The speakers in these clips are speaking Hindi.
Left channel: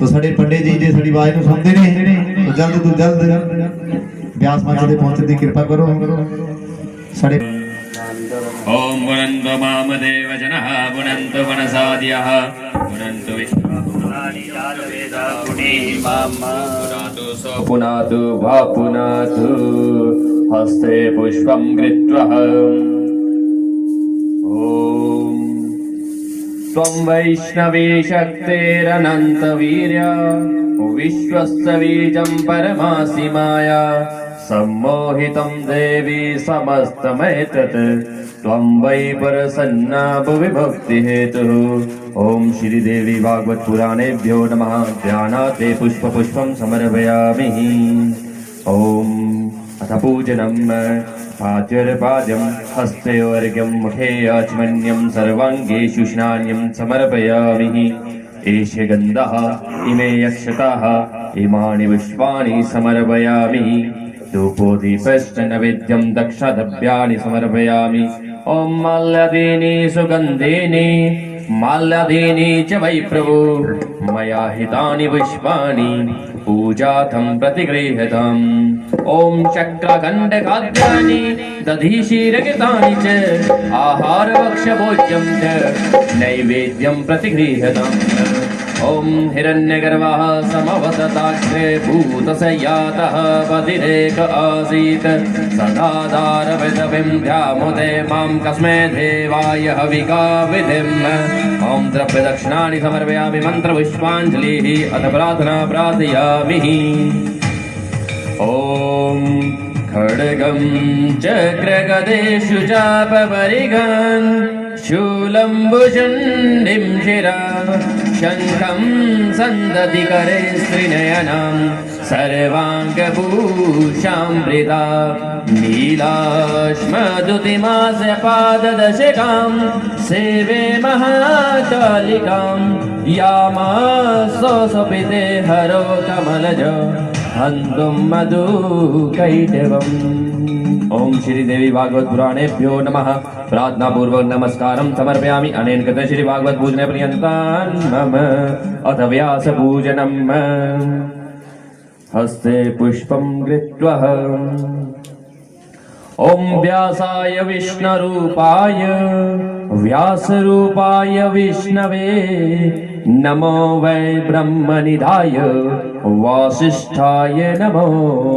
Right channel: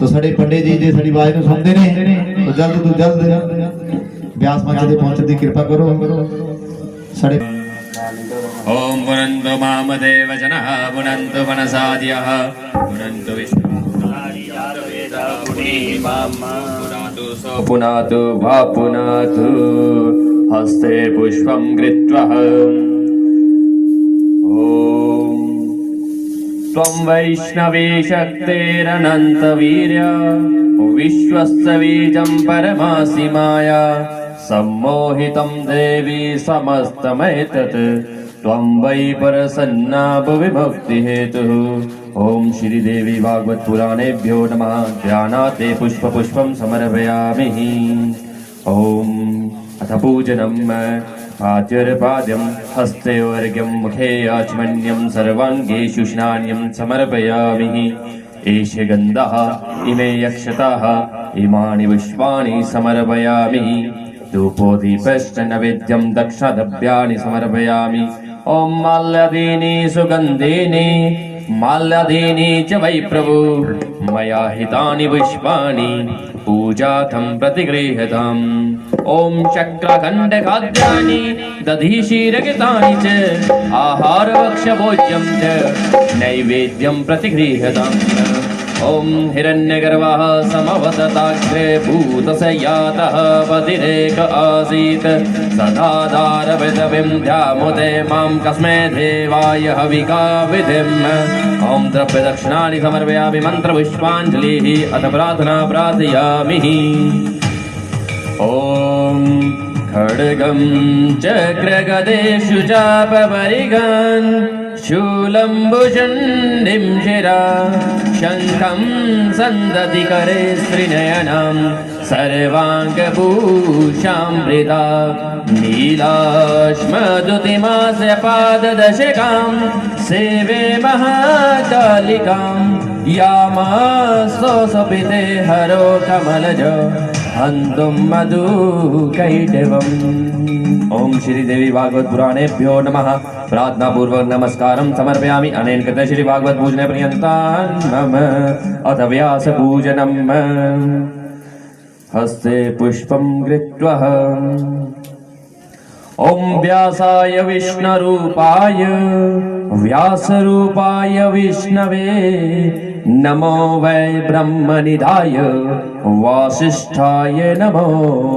तो साडे पंडित जी जे साडी आवाज ਨੂੰ ਸੁਣਦੇ ਨੇ तो जल्द तो जल्द व्यास मंच ਤੇ ਪਹੁੰਚਣ ਦੀ ਕਿਰਪਾ ਕਰੋ साडे ओम पुनंतो मामदेव जनः पुनंतो मनसाद्यः पुनंतो विष्णुपुनानि जातवेद पुनी मामा पुनातु वा पुनातु हस्ते पुष्पं कृत्वा ओम त्वं वैष्णवी शक्तिरनन्तवीर्य विश्वस्य बीजं परमासि माया सम्मोहितं देवी समस्तमेतत् त्वं वै प्रसन्ना भुवि भक्तिहेतुः ओम श्रीदेवी भागवत पुराणेभ्यो नमः ध्यानाते पुष्पं समर्पयामि ओम अथ पूजनं पाद्यर्पाद्यं हस्ते अर्घ्यं मुखे आचमन्यं सर्वाङ्गेषु स्नान्यं समर्पयामि एषे गन्धः इमे यक्षताः इमानि पुष्पाणि समर्पयामि धूपोदीपश्च नैवेद्यं दक्षद्रव्याणि समर्पयामि ओम माल्यादीनि सुगन्धीनि माल्यादीनि च वै प्रभो मया हितानि पुष्पाणि पूजार्थं प्रतिगृह्यताम् ओम चक्रखण्डखाद्यानि दधिशीरगितानि च आहारभक्ष्यभोज्यं च नैवेद्यं प्रतिगृह्यताम् ओम हिरण्यगर्भः समवदताग्रे भूतशय्यातः पतिरेक आसीत् सदाधारविदविन्द्यामुदे मां कस्मै देवाय हविका विधिम् ओम द्रव्यदक्षिणानि समर्पयामि मन्त्रपुष्पाञ्जलिः अथ प्रार्थना प्रार्थयामि ॐ खड्गं चक्रगदेषु चापपरिगान् शूलं भुजण्डिं शिरा शङ्खं सन्दतिकरे स्त्रिनयनां सर्वाङ्गभूषामृता नीलाश्मदुतिमासपाददशकां सेवे महाकालिकां यामास्तोऽसपिते हरो कमलज हन्तुं मधुकैटवम्। ओम श्री देवी भागवत पुराणेभ्यो नमः। प्रार्थना पूर्वक नमस्कारं समर्पयामि। अनेन कृतं श्री भागवत पूजने पर्यन्तान् मम अथ व्यास पूजनम्। हस्ते पुष्पं कृत्वा ओम व्यासाय विष्णुरूपाय व्यासरूपाय विष्णवे नमो वै ब्रह्मनिधाय वासिष्ठाय नमो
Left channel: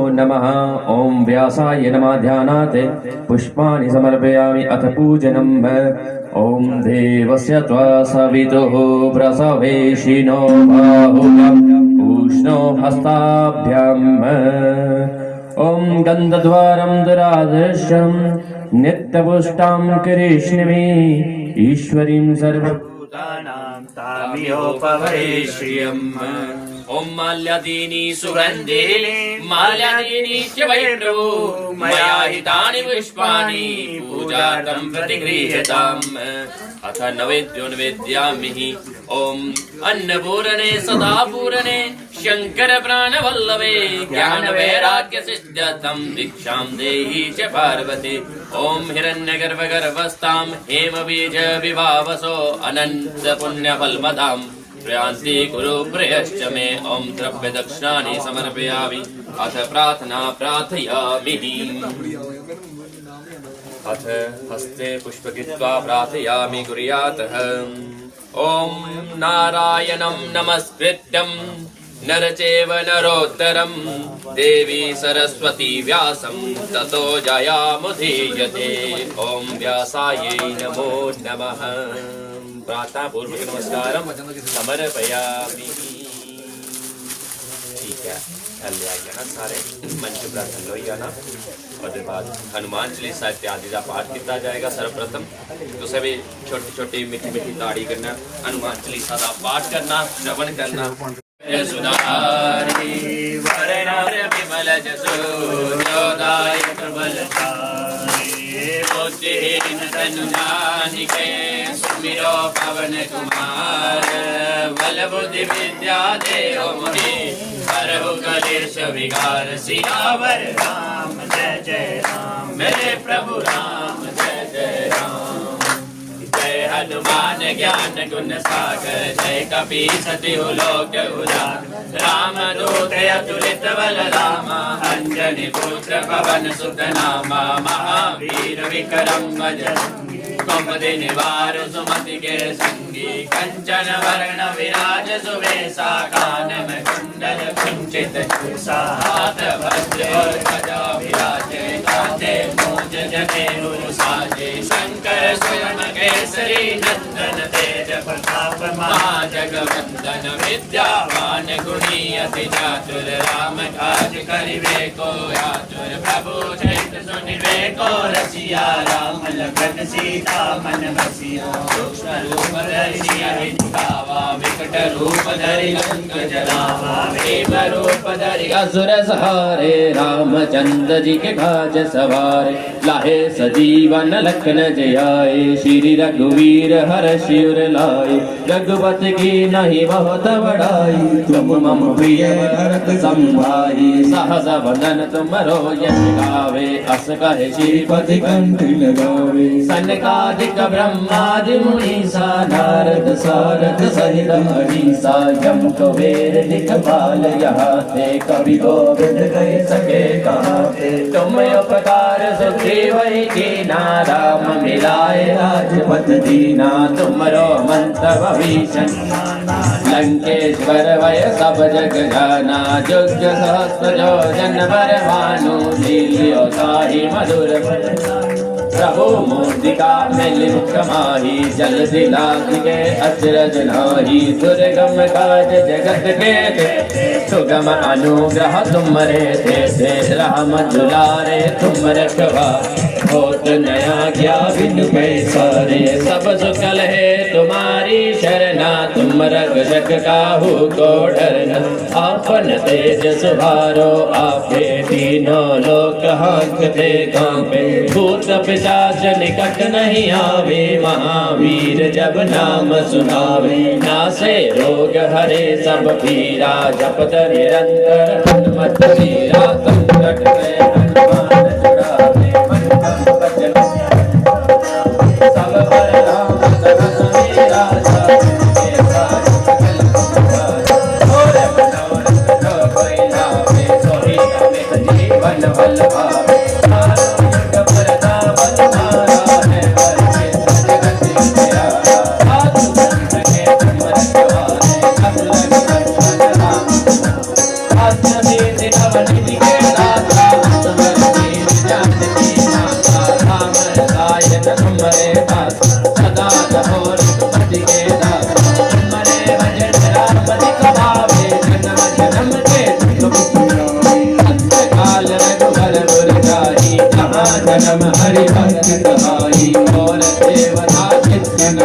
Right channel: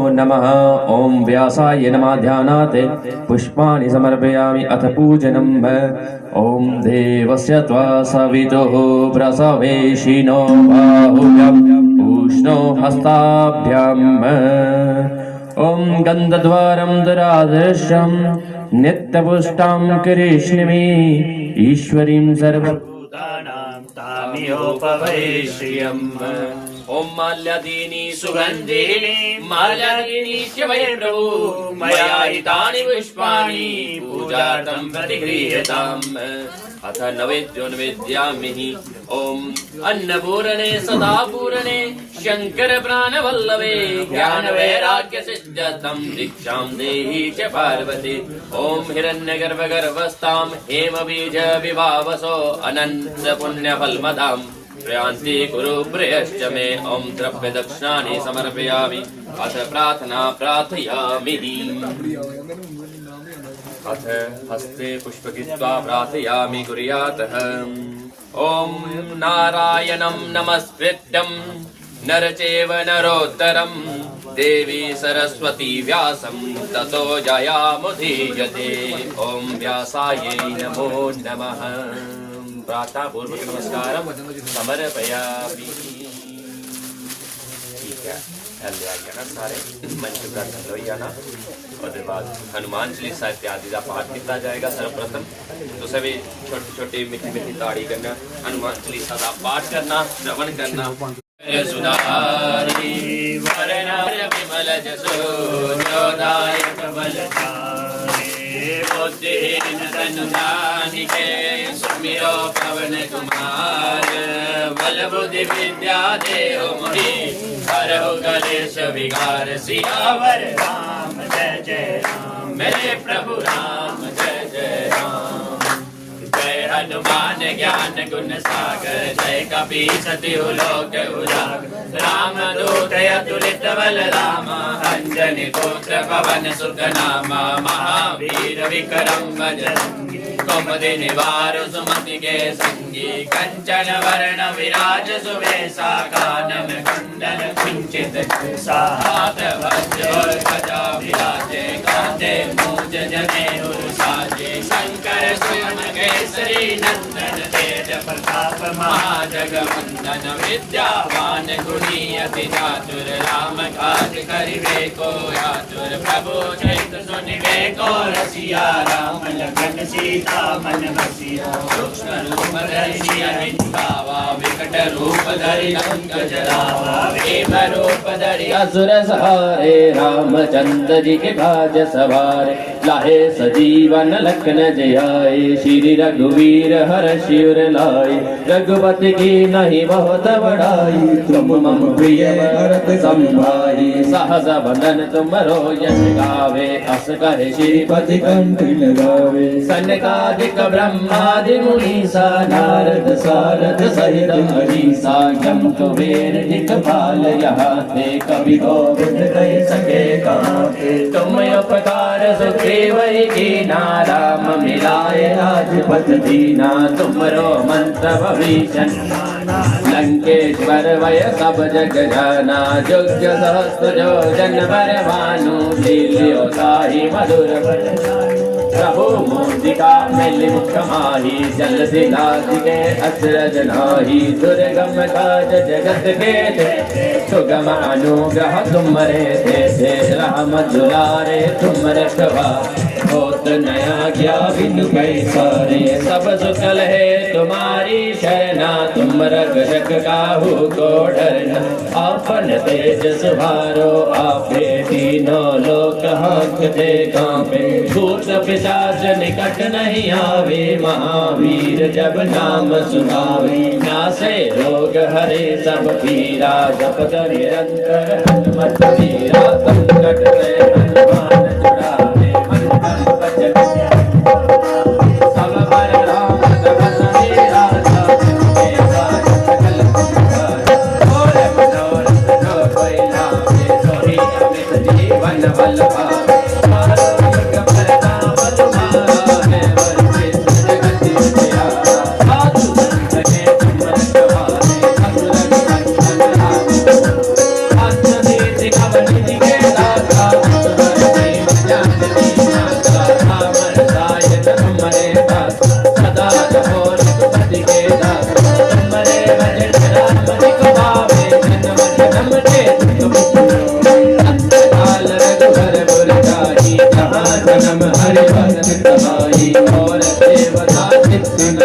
नमः। ओम व्यासाय नमः। ध्यानात् पुष्पाणि समर्पयामि अथ पूजनम्। ओम देवस्य त्वा सवितुः प्रसवेशिनो बाहुव्यम् उष्णो हस्ताभ्याम्। ओम गन्धद्वारं दुराधर्षं नित्यपुष्टां कृष्णमे ईश्वरीं सर्वभूतानां तामियोपवैश्यम्। ओम माल्यादीनि सुगन्धिनि माल्यादीनि च वै प्रभु मया हितानि पुष्पाणि पूजार्थं प्रतिगृह्यताम्। अथ नैवेद्यो निवेदयामि। ओम अन्नपूरणे सदा पूरणे शंकर प्राणवल्लभे ज्ञान वैराग्य सिद्ध्यर्थं दीक्षां देहि च पार्वती। ओम हिरण्यगर्भगर्भस्थां हेमबीज विभावसो अनंत पुण्यफलमदां प्रयान्ति कुरु प्रियश्च मे। ओम द्रव्य दक्षिणानि समर्पयामि अथ प्रार्थना प्रार्थयामि। अथ हस्ते पुष्पकृत्वा प्रार्थयामि कुर्यातः। ओम नारायणं नमस्कृत्यं नर चैव नरोत्तरं देवी सरस्वती व्यासं ततो जयामुदीयते। ओम व्यासायै नमो नमः। प्रार्थना पूर्वक नमस्कारं समर्पयामि। ठीक है, ले आइए ना सारे मंच पर लो जाना। और बाद हनुमान चालीसा इत्यादि का पाठ किया जाएगा सर्वप्रथम। तो सभी छोटी छोटी मीठी मीठी ताड़ी करना, हनुमान चालीसा का पाठ करना, श्रवण करना। सुधारी वरनार विमल जसो जोदाय प्रबलतारे बुद्धिहीन तनु जानिके सुमिरो पवन कुमार बल बुद्धि विद्या देव मुनि हरहु कलेश विकार सियावर राम जय जय राम मेरे प्रभु राम जय जय राम। जय हनुमान ज्ञान गुण सागर जय कपीसति लोक उजागर राम दूत अतुलित बल राम अंजनी पुत्र पवन सुत नामा महावीर विक्रम बजरंगी कुमति निवार सुमति के संगी कंचन वर्ण विराज सुवेशा कानन कुंडल कुंचित हाथ वज्र और गदा विराजे कांधे मूंज जनेऊ साजे शंकर सुवन केसरी नंदन तेज प्रताप महाजगवंदन विद्यावान गुणी अति चातुर राम काज करिबे को आतुर प्रभु चैत सुनिबे को रसिया राम लखन सीता मन बसिया सूक्ष्म रूप धरि सियहि दिखावा विकट रूप धरि लंक जलावा वेव रूप धरि असुर सहारे रामचंद्र जी के काज सवारे लाहे सजीवन लखन जियाए श्री रघुवीर हर शिवर लाए रघुपति की नहीं बहुत बड़ाई तुम मम प्रिय भरत संभाई सहस बंदन तुमरो यश गावे अस कहे श्रीपति कंठ लगावे सनकादिक ब्रह्मादि मुनीसा नारद सारद सहित अहिसा यम कुबेर दिखपाल यहाँ थे कवि गोविंद कह सके कहाँ थे तुम उपकार सुग्रीव ही कीना राम मिलाए राजपथ दीना तुमरो मंत्र भविष्य लंकेश्वर वय सब जग जाना जुग सहस्त्र जो जन बर मानु लील्यो ताहि मधुर प्रभु मूर्तिका मिलित कमाही जल दिलास के अचरज नाही दुर्गम काज जगत के सुगम अनुग्रह तुमरे थे राम दुलारे तुम रखवा होत नया क्या बिनु कैसारे सब सुकल है तुम्हारी शरणा तुम रक्षक काहू को डरना आपन तेज सुधारो आपे तीनों लोक हांकते कांपे भूत पिशाच निकट नहीं आवे महावीर जब नाम सुनावे नासे रोग हरे सब पीरा जपत निरंतर हनुमत वीरा संकट में हनुमान छुड़ावे मन भजन सब पर राम तपस वीरा सब साज सकल और मनोरथ जो कोई नामे सोई अमित जीवन बलवा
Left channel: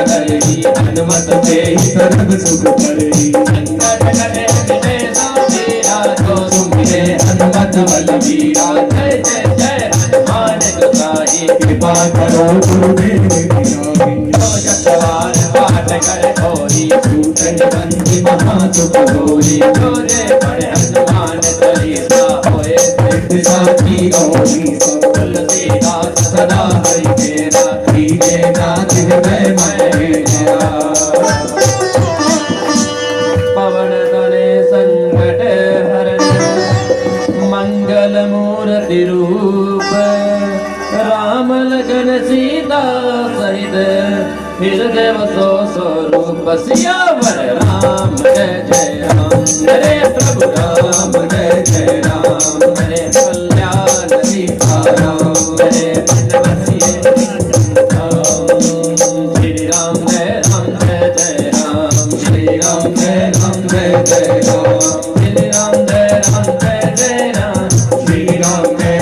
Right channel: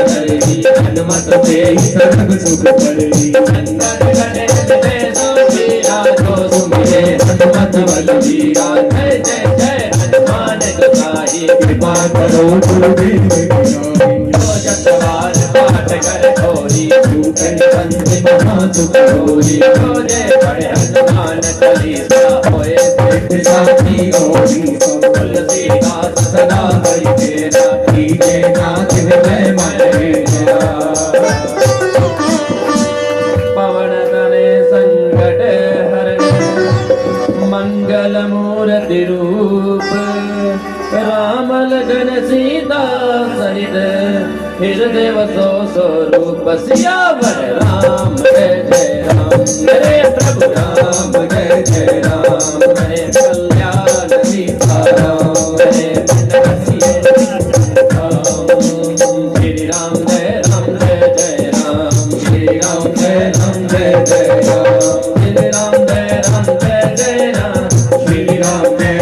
हनुमत से ही सर्व सुख करही अंदर गले में सोची रातो सुमिरे हनुमत बल वीरा जय जय जय हनुमान गोसाई कृपा करो गुरुदेव जो जगवार पाठ कर खोरी झूठे बंदी महासुख होरी जोरे बड़े हनुमान चालीसा होए सिद्ध साखी गौरी तुलसीदास सदा हरि तेरा कीजे नाथ हृदय में पवन तने संकट हरण मंगल मूर्ति रूप राम लगन सीता सहित हृदय वसो स्वरूप सियावर राम जय जय राम हरे प्रभु राम जय जय राम हरे कल्याण सीता राम हरे बसिए श्री राम जय जय राम श्री राम जय जय राम श्री राम जय जय राम श्री राम जय जय राम श्री राम जय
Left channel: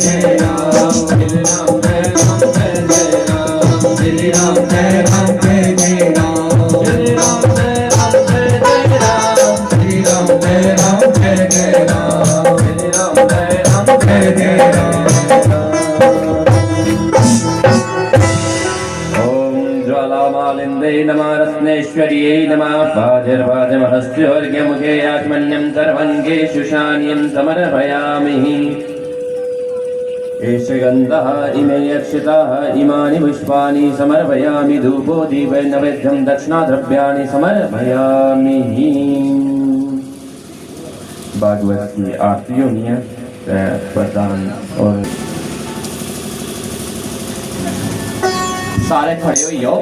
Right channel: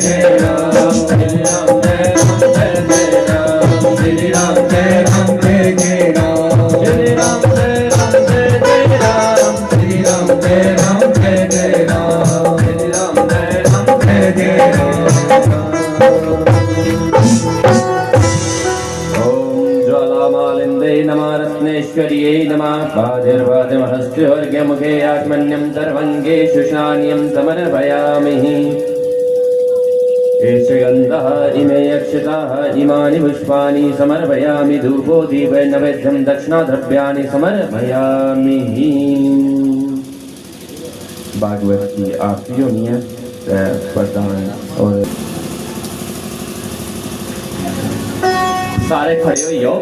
जय राम श्री राम जय जय राम श्री राम जय जय राम श्री राम जय जय राम श्री राम जय जय ज्वालामालिंदे नमः रत्नेश्वर्यै नमः प्राजिर्वाजमहस्योर्घ्यमुखे आत्मन्यं सर्वङ्गे शुशान्यं समर्पयामि एषगन्धः इमे अक्षताः इमानि पुष्पाणि समर्पयामि धूपो दीपे नैवेद्यं दक्षिणाद्रव्याणि समर्पयामि भागवत की आरती होनी है प्रदान और सारे खड़े हो जाओ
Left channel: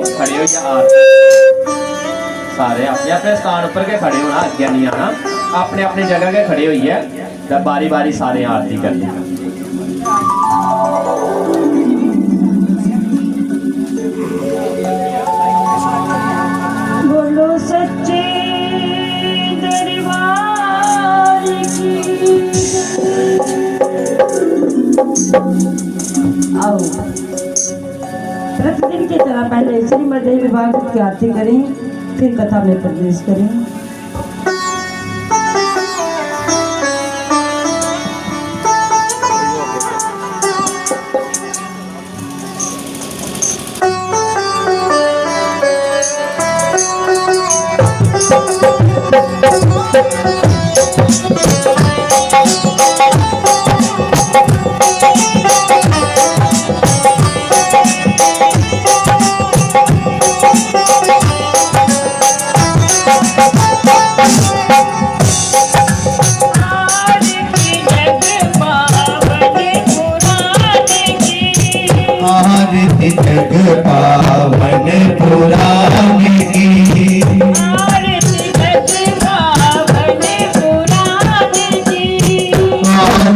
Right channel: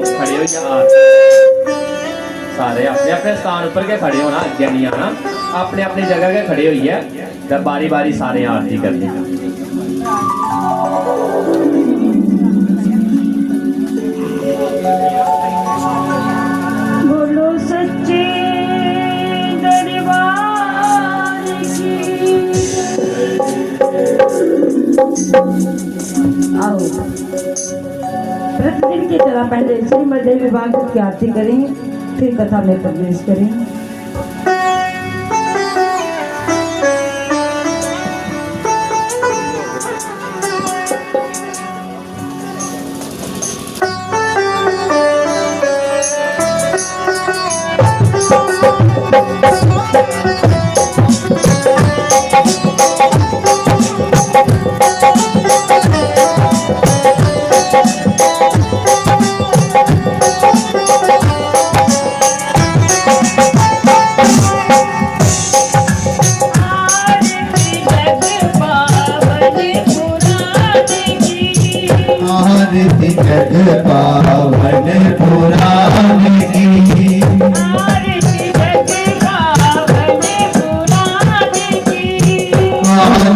सारे अपने अपने स्थान पर के खड़े होना अगे नहीं आना अपने अपनी जगह के खड़े हुई है जब बारी बारी सारे आरती करनी बोलो सच्चे दरबार की आओ प्रतिदिन की तरह पहले श्रीमद् देवी भागवत की आरती करें फिर कथा में प्रवेश करें।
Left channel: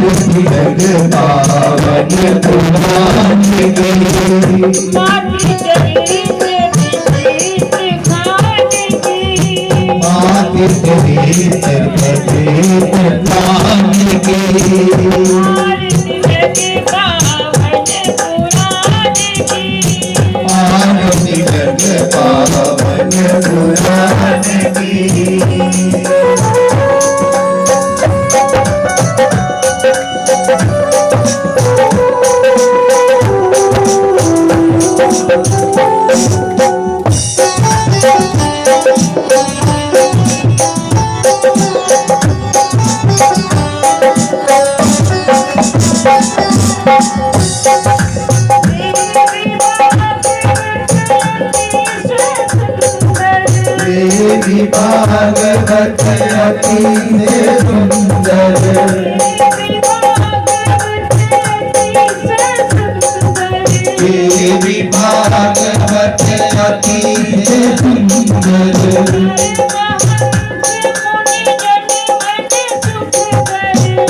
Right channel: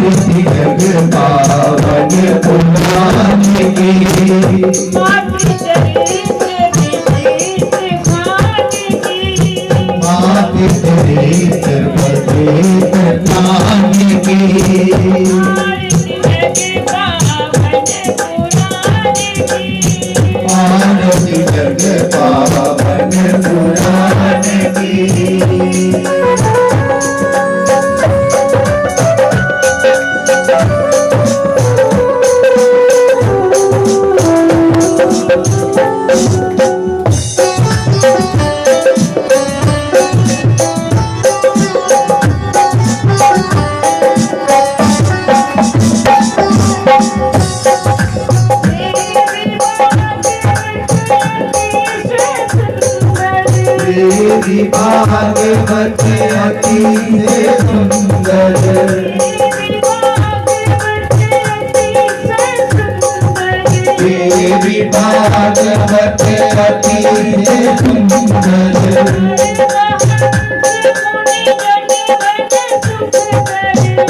आरती जग पावन पुराने की माती तेरी सर्वते प्राण की आरती जग पावन पुराने की देवी भागवत अति सुंदर देवी भागवत अति सुंदर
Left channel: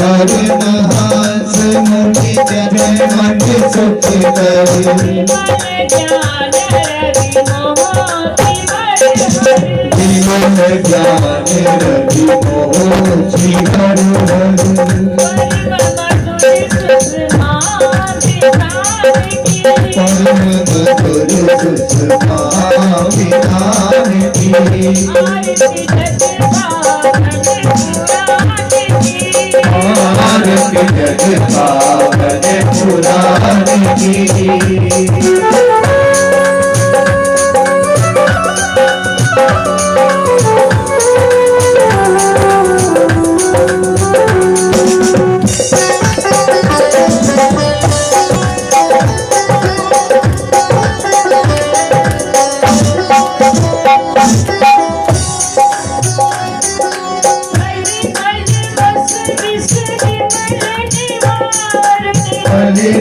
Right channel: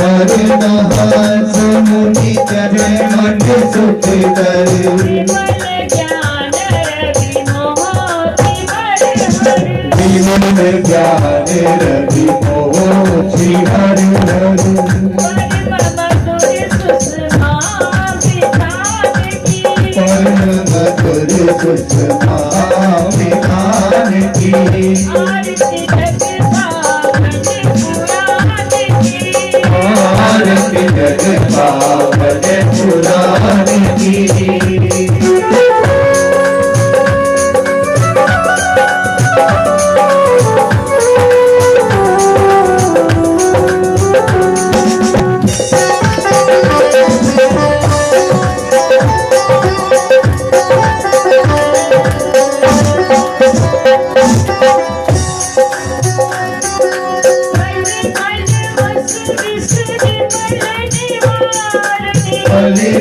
हर नहास मुनि जन मन सुख विमल ज्ञान रवि मोहि हर परम मधुर सुषमा विधान की आरती जग पावन पुराण की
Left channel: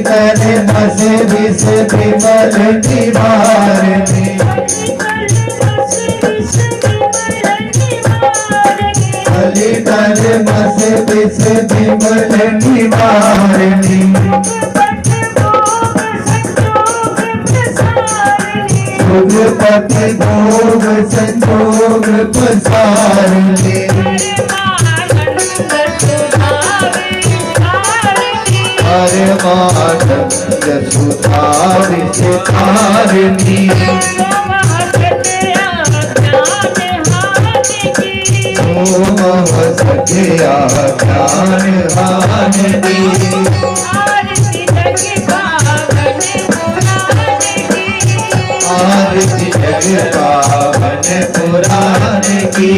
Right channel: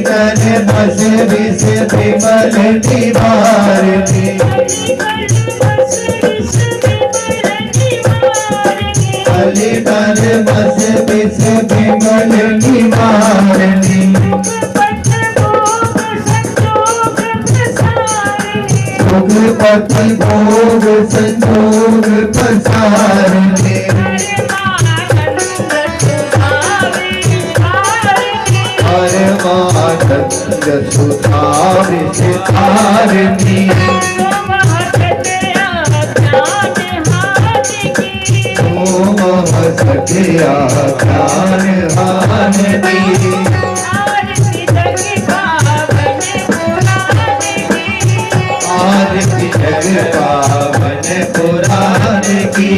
तने बस विष विमल निवारणी अली तने बस विष विमल निवारणी सुखपति भोग संजोग प्रसारणी सुधारिणी ओम सखिया ज्ञान हानि आरती जग पावन पुराण की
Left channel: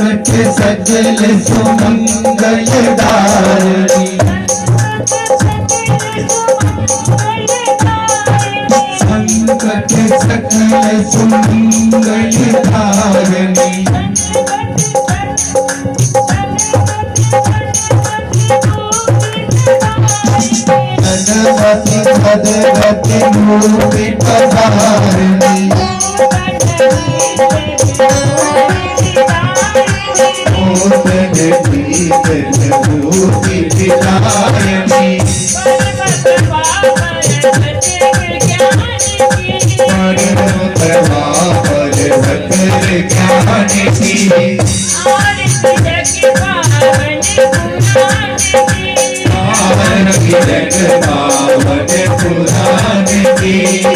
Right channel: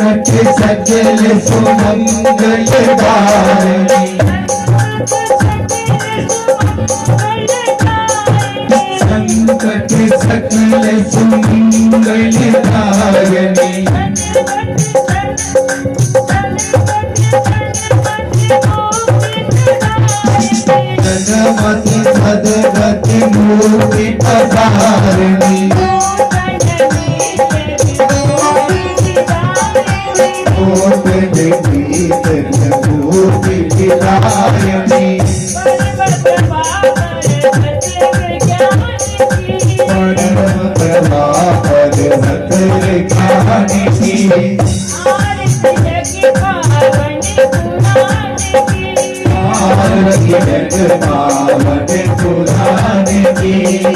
सजल सुमंगल धारिणी संकट सकल सुमंगल धारिणी जगति भगवती मूर्ति पधारिणी मूर्ति विदायनी जग पावन पुराण की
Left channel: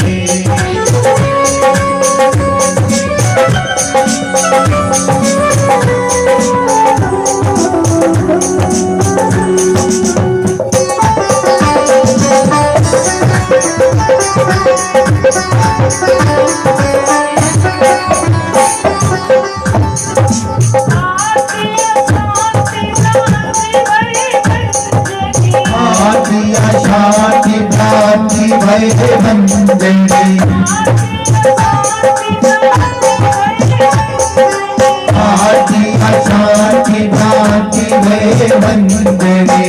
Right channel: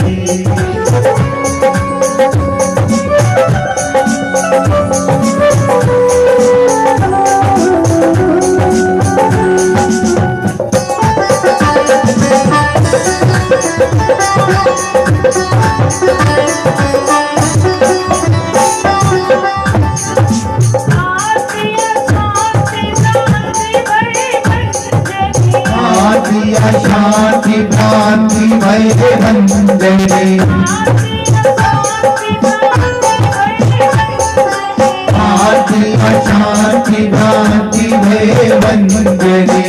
शांति भ्रांति भय भंजनी शांति भ्रांति भय भंजनी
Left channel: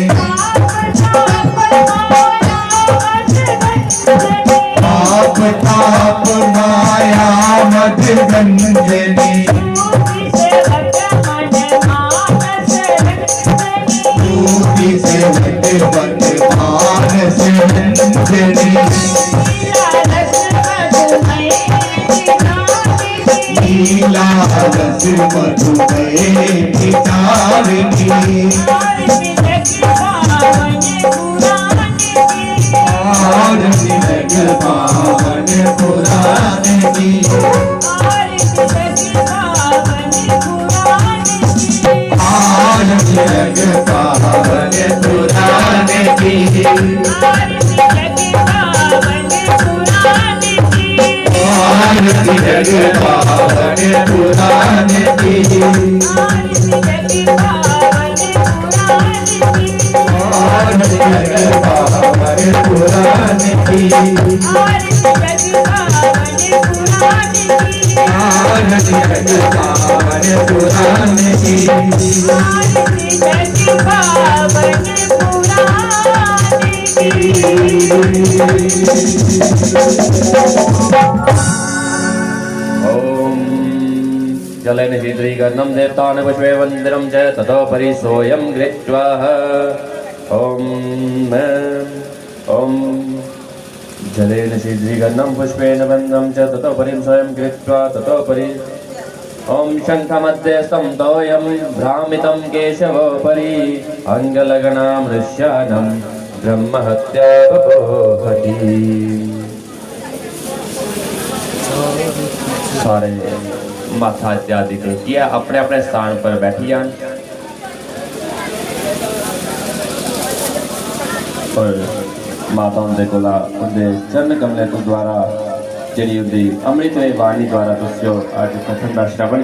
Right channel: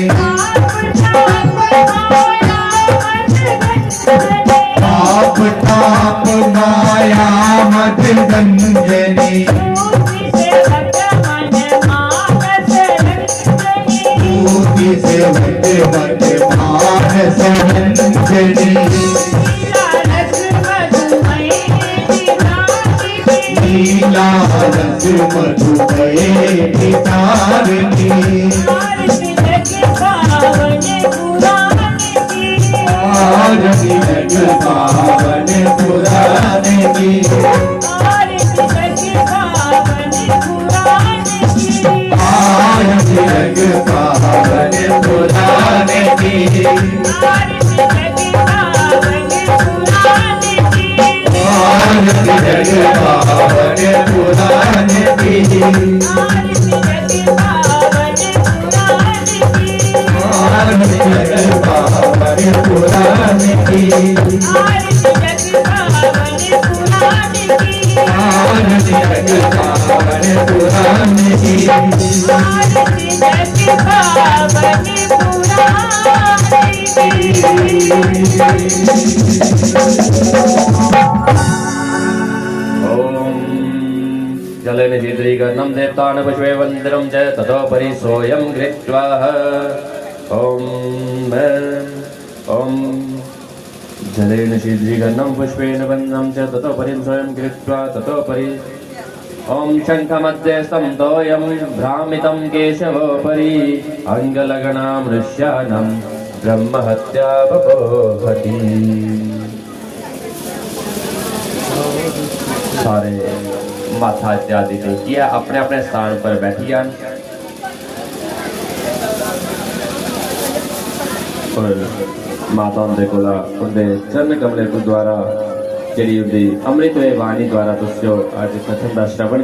ताप ताप माया मद गंजनी से वट वट मानस मंजनी लीला रस मधुमय पितारिणी आरती लग पावन पुराण की आरती लग पावन पुराण की आरती लग पावन पुराण की आरती लग पावन पुराण की आरती लग पावन पुराण की जलेन शीतलीकरणं देवतान् पुष्पे वन्दिनं च ततोपरि सोऽयं गृहीत्वा ॐ जलेन शीतलीकरणं पुष्पेण वन्दनं च ततोपरि सोऽयं गृहीत्वा ततोपरि ॐ शङ्खमध्ये स्तम्भोऽयं भ्रामितं केशवोपरि अङ्गलगणामृष्यानं ब्रह्महत्या बभूवति। सारे माथा इत्यादि टेकिए अपने अपने स्थान पर बैठी जान और माता उनके कोला उनके चरण कमले को द्वारा जी उनकी अमृत वाणी द्वारा तुझो आज कथन का श्रवण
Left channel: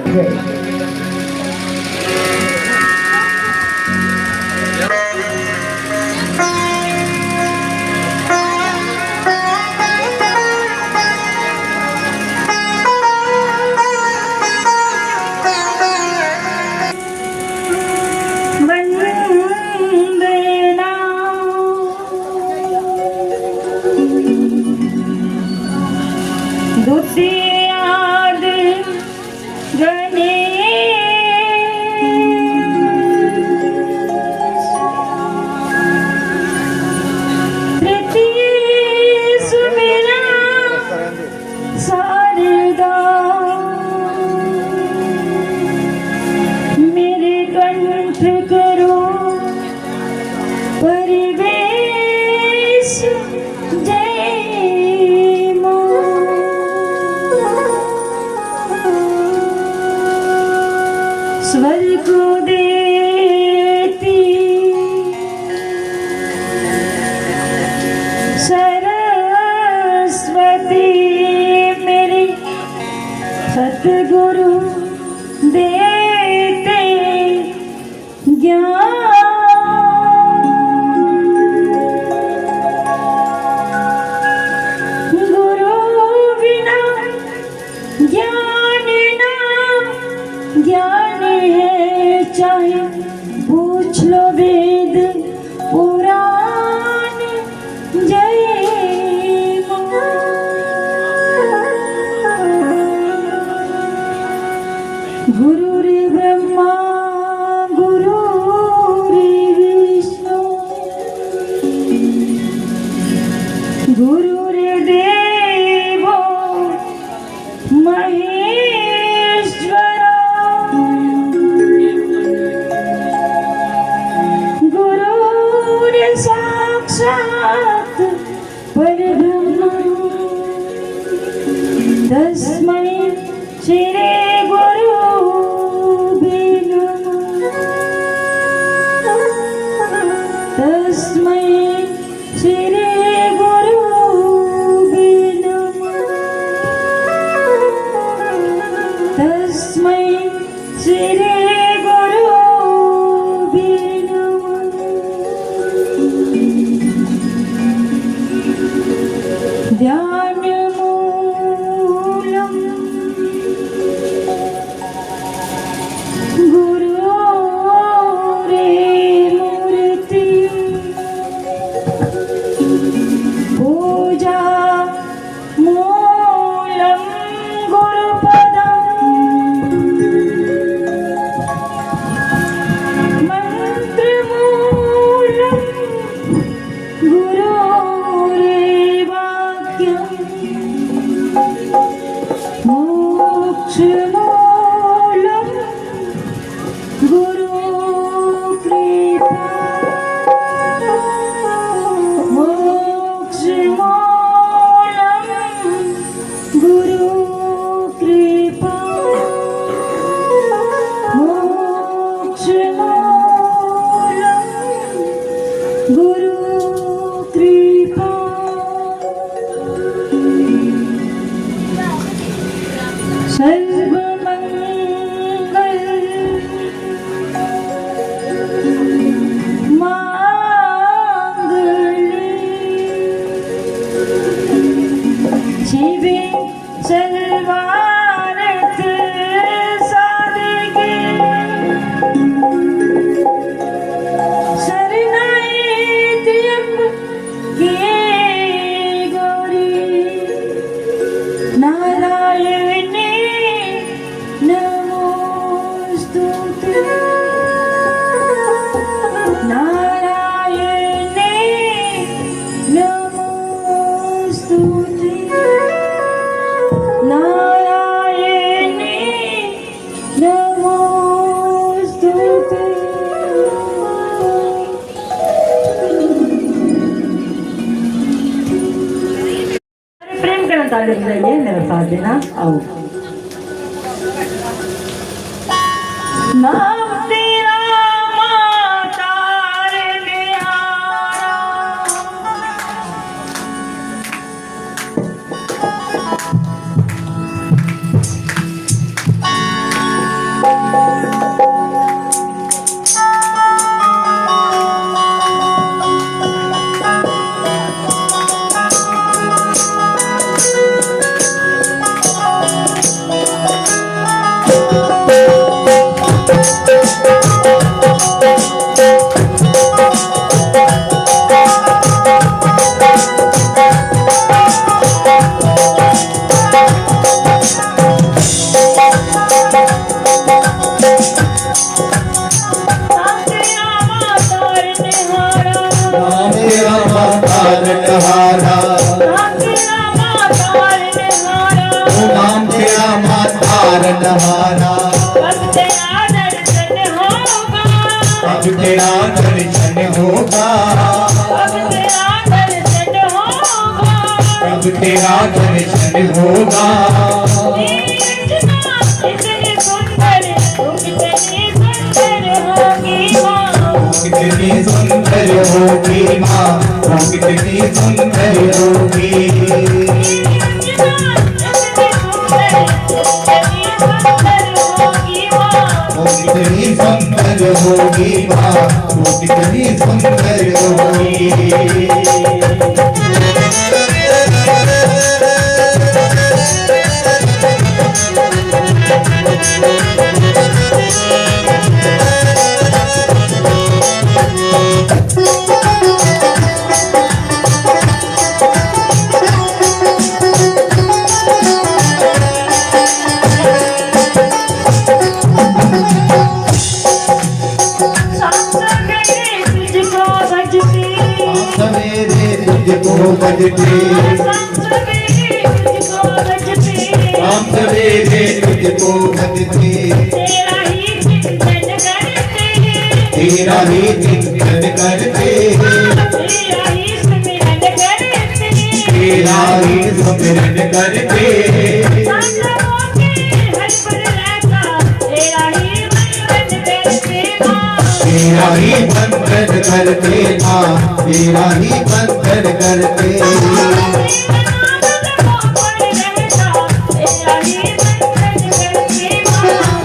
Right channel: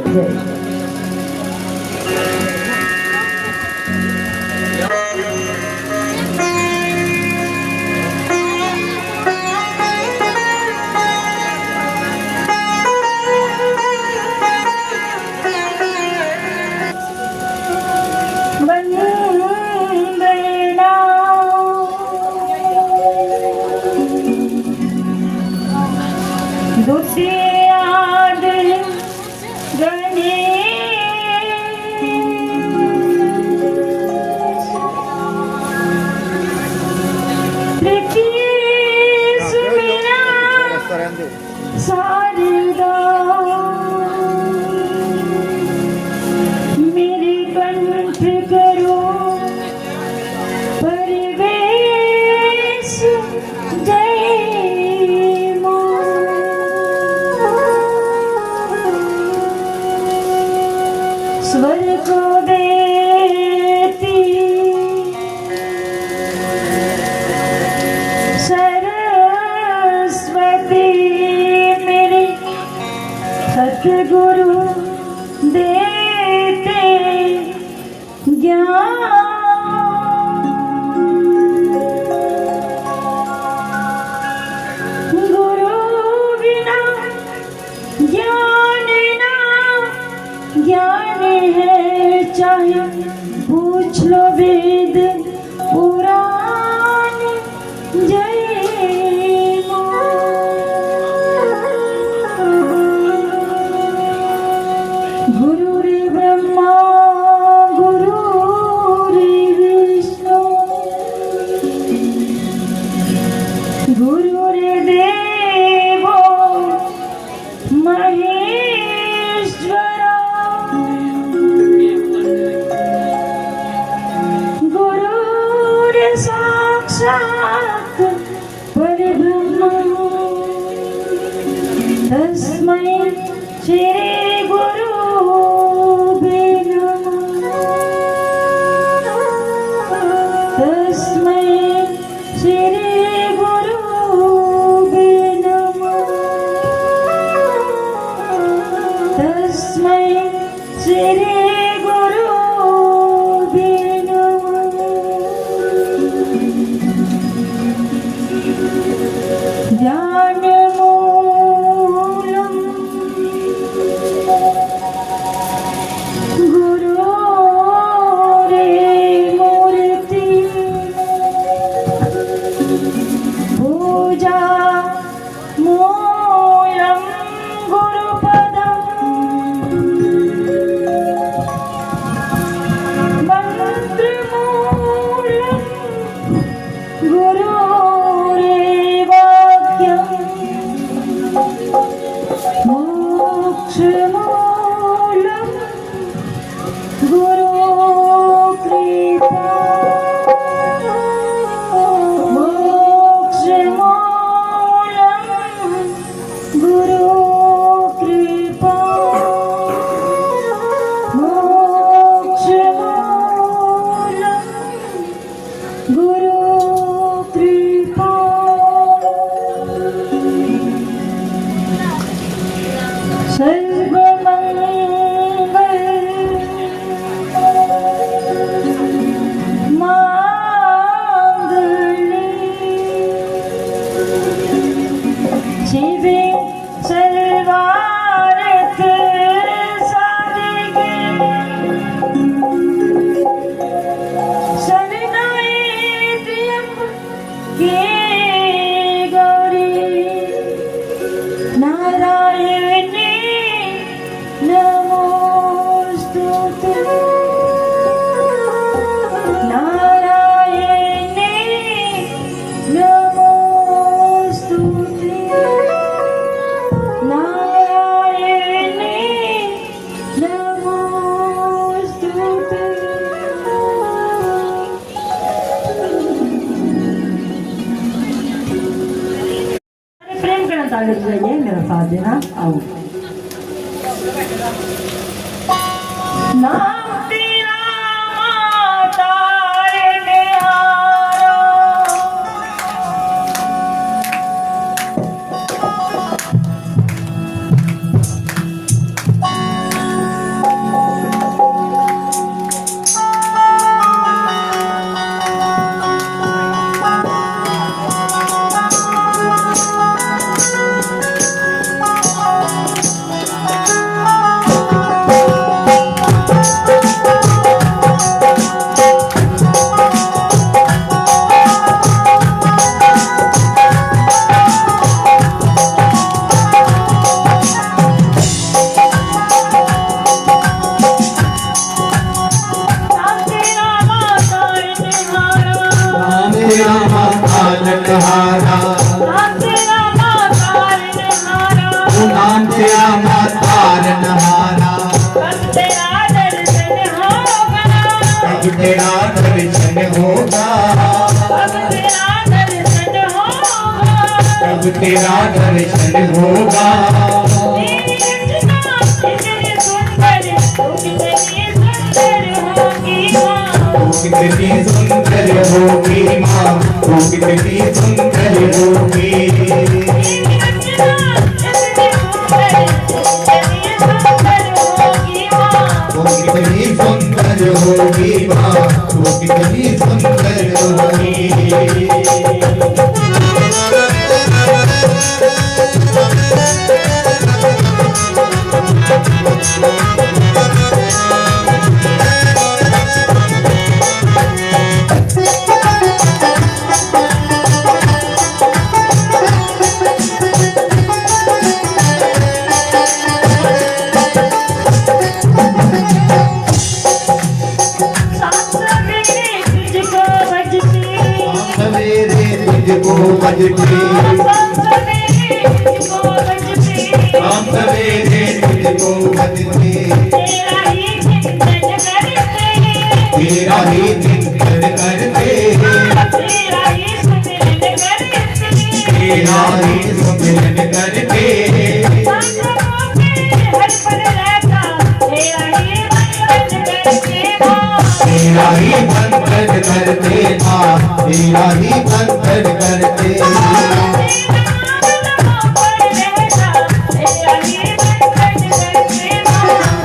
स्वर को देती सरस्वती मेरे सतगुरु देते ज्ञान गुरु बिना ज्ञान ना ज्ञान है चाहे पूछ लो वेद पुराण जय गुरु रे ब्रह्मा गुरु रे विष्णु गुरु रे देवो महेश्वरा गुरु साक्षात् परब्रह्म तस्मै श्री गुरुभ्यो नमः तस्मै श्री गुरुभ्यो नमः तस्मै श्री गुरुभ्यो नमः ताली बजाइए, मेरा साथ देना। आओ। नाम तेरा माता रे अब तेरा दर्शन होगा, अब तेरा दर्शन होगा। कितनी सुंदर होगी माँ, कितनी सुंदर होगी। कितनी सुंदर होगी माँ, वो कितनी सुंदर होगी। तुझको बजते हम सवेरे तुझको बजते, तेरा ही चिंतन करते, तेरा ही सिमरन करते, तेरा ही सिमरन करते। तेरा ही बंधन करते माँ, तेरा ही बंधन करते।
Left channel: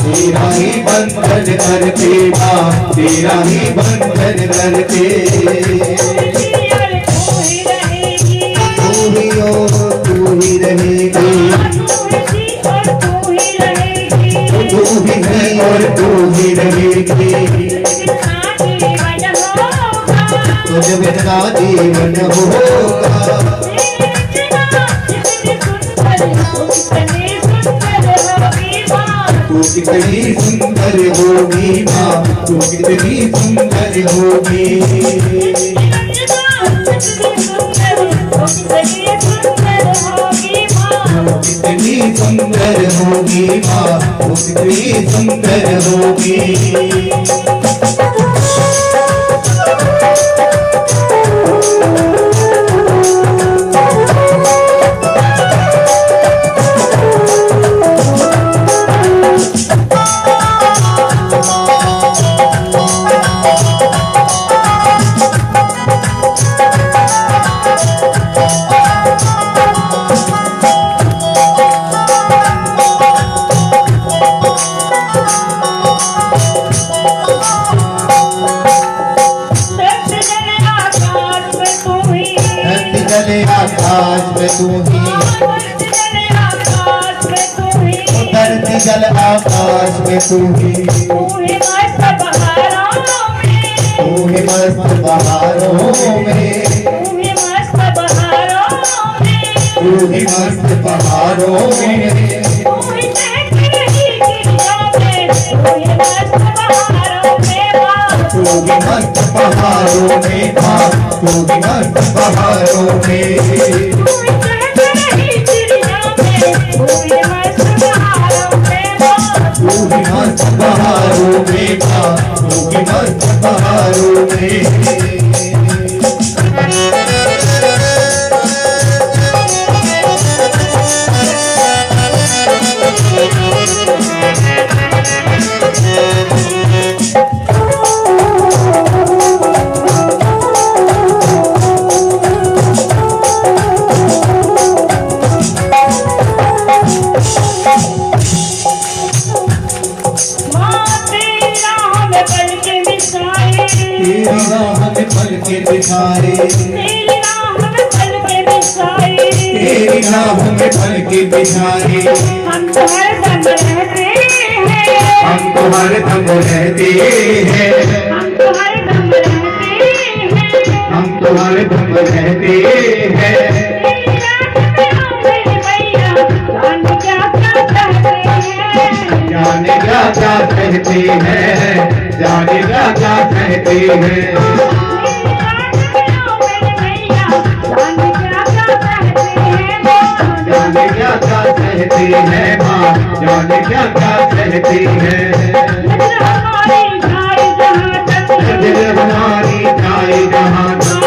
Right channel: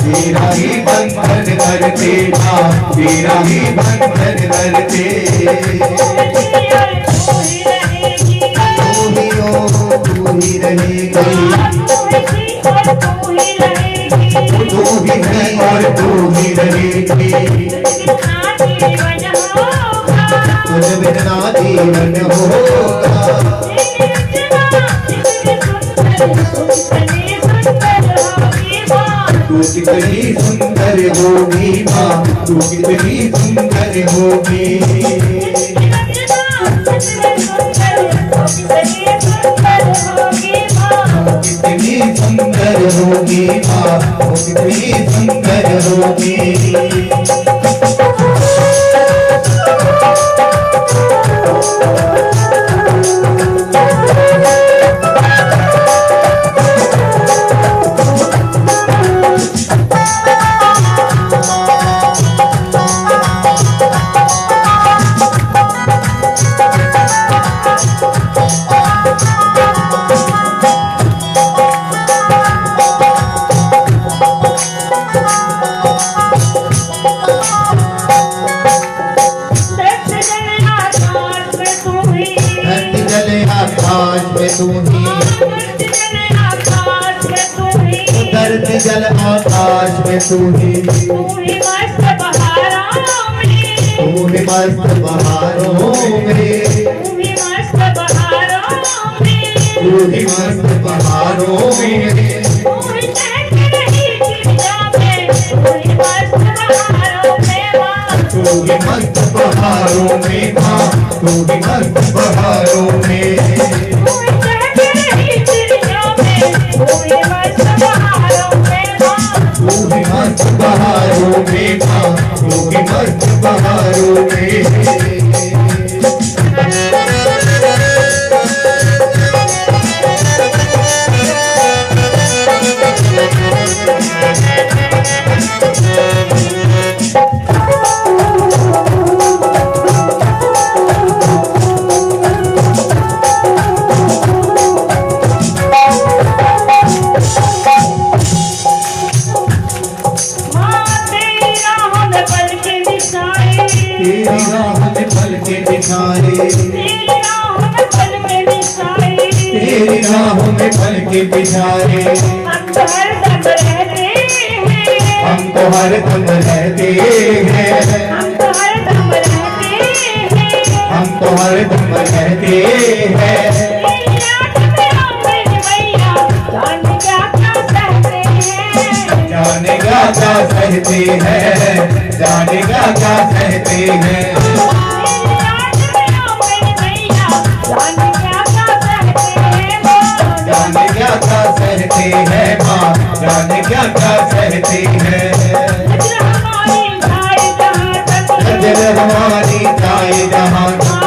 तेरा ही बंधन करते माँ, तेरा ही बंधन करते। तू ही हो, तू ही रहेगी, तू ही है और तू ही रहेगी। तुझ बिना जीवन होगा, तू कितनी सुंदर होगी माँ, तू कितनी सुंदर होगी। कितनी सुंदर होगी माँ, तू कितनी सुंदर होगी। आकाश में तू ही, धरती जल आकाश में तू ही, तू ही मस्त बहारों में, तू ही मस्त बहारों में, तू ही मस्त बहारों में, तू ही मस्त बहारों में। तू ही चहक रही चिड़िया में, तू ही मस्त बहारों में माँ, तू ही मस्त बहारों में माँ, तू ही मस्त बहारों में। बहारों में माँ, तू भी मस्त बहारों में। तेरी राह में चल के बिछाए हम तो हरदम रहते हैं, हम तो हरदम रहते हैं हम तो हरदम रहते हैं, हम तो हरदम रहते हैं तेरी याद में आंगन मैया जाने क्या क्या सहते हैं, जाने क्या क्या सहते हैं जाने क्या क्या सहते हैं तेरी याद में आंगन मैया जाने क्या क्या सहते हैं माँ। जाने क्या क्या सहते हैं माँ जाने क्या क्या सहते हैं नजर हमारी जाए जहाँ तक, नजर हमारी जाए जहाँ तक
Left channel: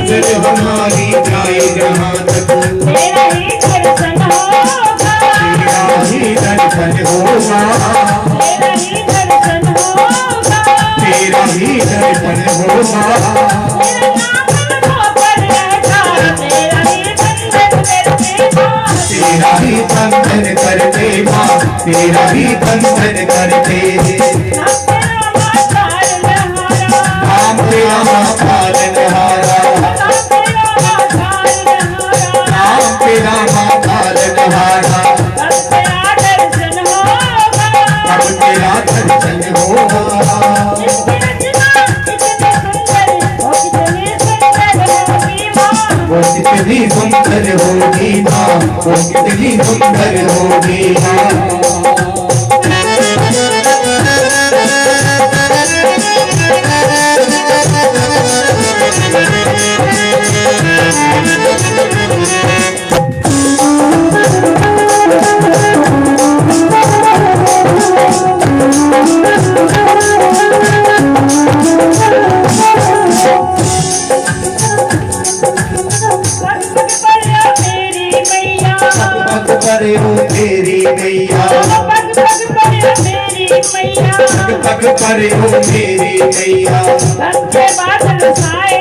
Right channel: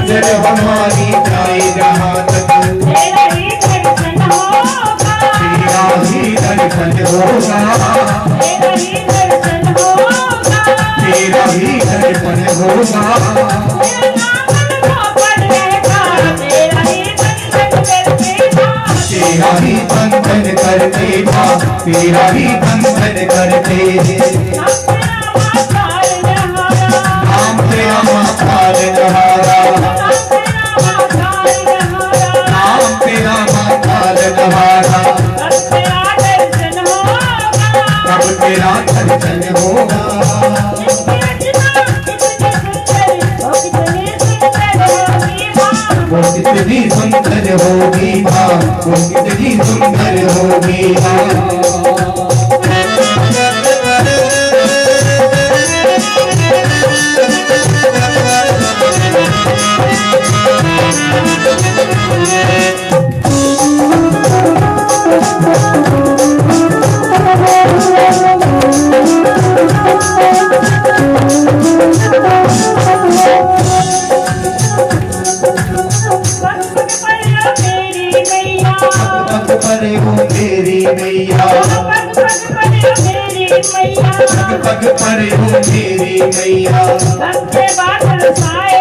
नजर हमारी जाए जहाँ तक, नजर हमारी जाए जहाँ तक तेरा ही दर्शन होगा, तेरा ही दर्शन होगा तेरा ही दर्शन होगा, तेरा ही दर्शन होगा तेरा ही दर्शन करते माँ, तेरा ही दर्शन करते नाम तेरा मातार नहारा नाम तेरा मातार नहारा अब तेरा दर्शन होगा वो कितनी सुंदर होगी माँ वो कितनी सुंदर होगी पग परे हो तेरी मैया पग परे हो तेरी मैया के बादल छाए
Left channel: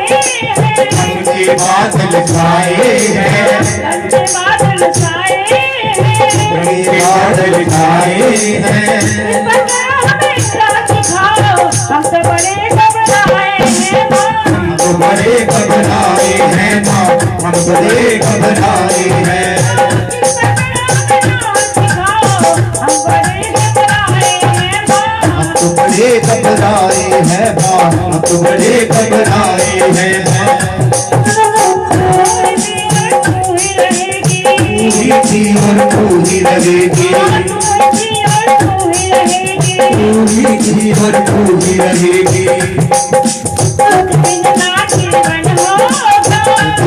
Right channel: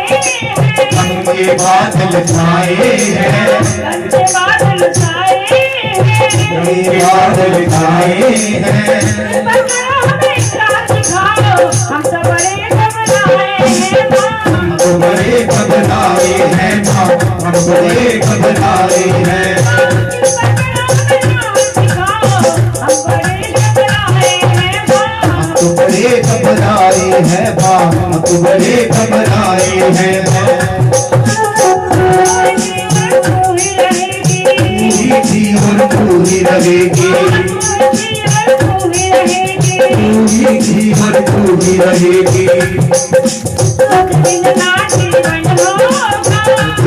के बादल छाए हैं के बादल छाए बादल छाए हैं हम तो बड़े घबराए हैं हम तो बड़े घबराए हैं माँ हम बड़े घबराए हैं हम बड़े घबराए हैं हम तो बड़े घबराए हैं माँ हम तो बड़े घबराए हैं पूरी थी और पूरी रहेगी पूरी थी और पूरी रहेगी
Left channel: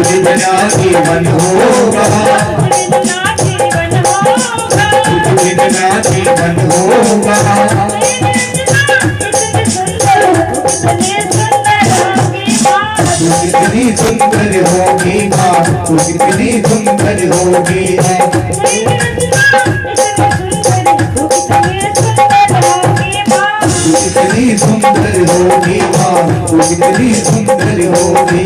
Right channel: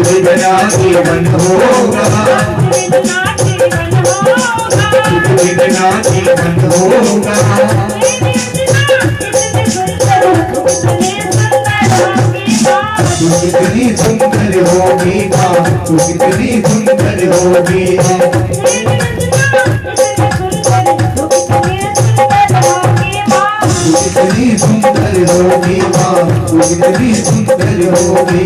बिना जीवन होगा बिना जीवन होगा तू कितनी सुंदर होगी माँ तू कितनी सुंदर होगी तू कितनी सुंदर होगी माँ तू कितनी सुंदर होगी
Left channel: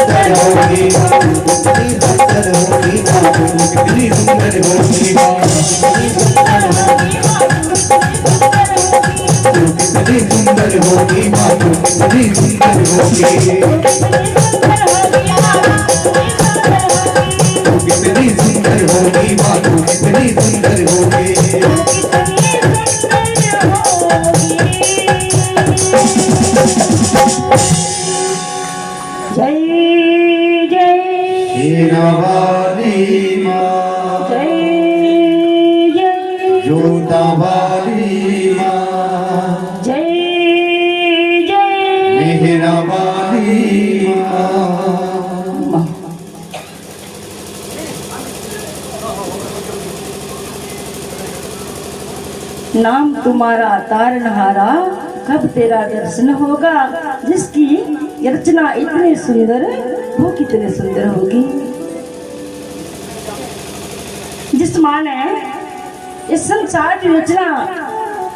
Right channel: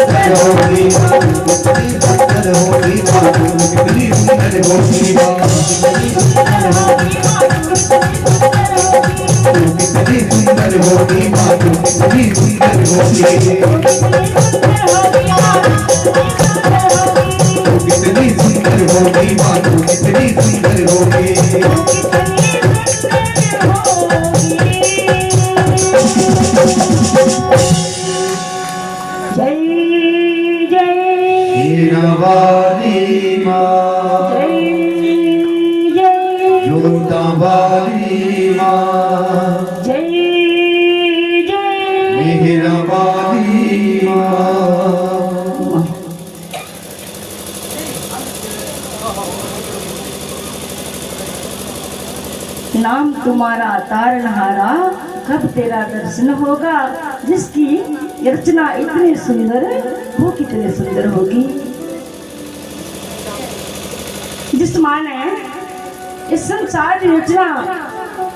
सुंदर होगी कितनी सुंदर होगी माँ तू कितनी सुंदर होगी माँ तू कितनी सुंदर होगी माँ तू कितनी सुंदर होगी तू कितनी सुंदर होगी माँ तू कितनी सुंदर होगी जय जय हीरावाली माँ जय जय जोतावाली माँ जय जय मेहरावाली माँ नाम तुम्हारा तारनहारा कब तेरा दर्शन होगा। जिसकी रचना इतनी सुंदर वो कितने सुंदर होगी। जिस माँ ने इस संसार की रचना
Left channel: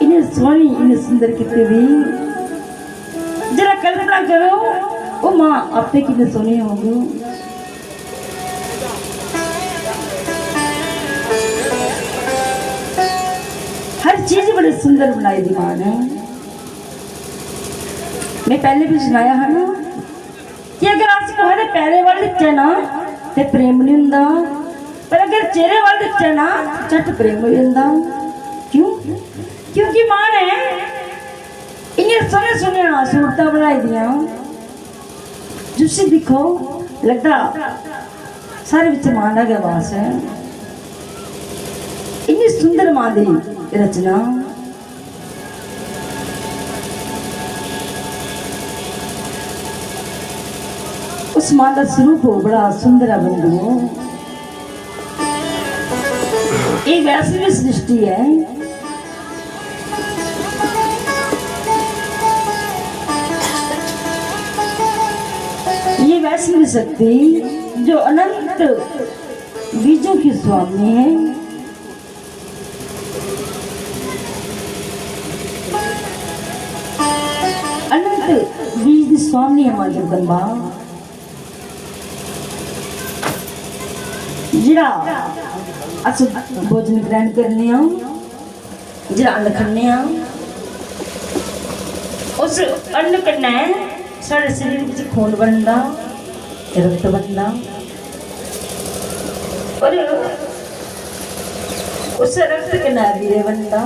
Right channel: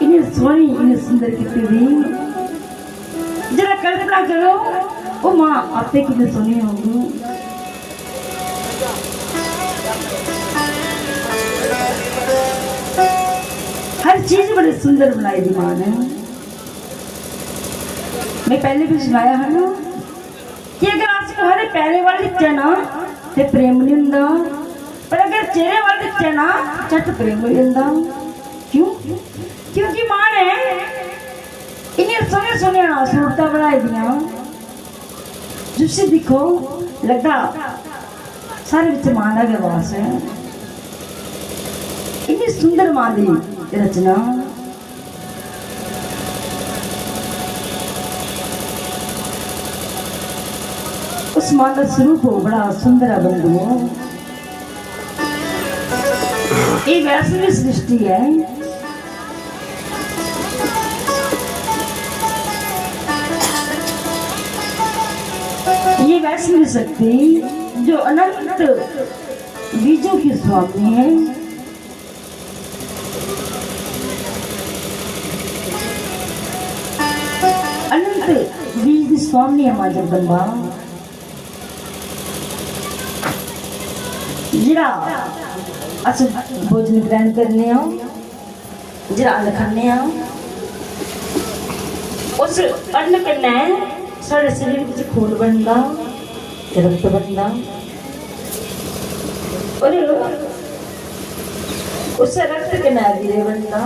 इन्हें सोनी इन्हें सुंदर कितनी भी जरा कल्पना करो वो माँ आपे कितने सोनी होगी। हर हर चीज बड़ी सुंदर बनाई दी मां ने। मैं पहले भी सुनाया है ना कि अगर आज तुम्हारे पैरे वाल दिखे ना तो प्रेम नहीं हुंदा, पर अगर चेहरे वाल दिखे ना झट प्रेम नहीं हुंदा। क्यों? क्योंकि मां ने इन्हें सोने सोने सूरतां बनाई दियां जिससे दिखो लगता सारे विच मां दा वास है। इतनी सुंदर मां दी रचना। उस मां का स्वरूप बड़ा सुंदर है बंधुओं। ये वैष्णवी सृष्टि है। ये वैष्णवी शक्ति जो अनंत बीजों की स्वामी है। अनंत बीज की स्वामी है मां जगदंबा। जरा अस भोजन ग्रहण करने जरा अन्न खन्ने उस अन्न कन्नै साढ़े शरीर में खून बनता, रक्त बनता और उस रक्त कन्नै वीर्य बनता।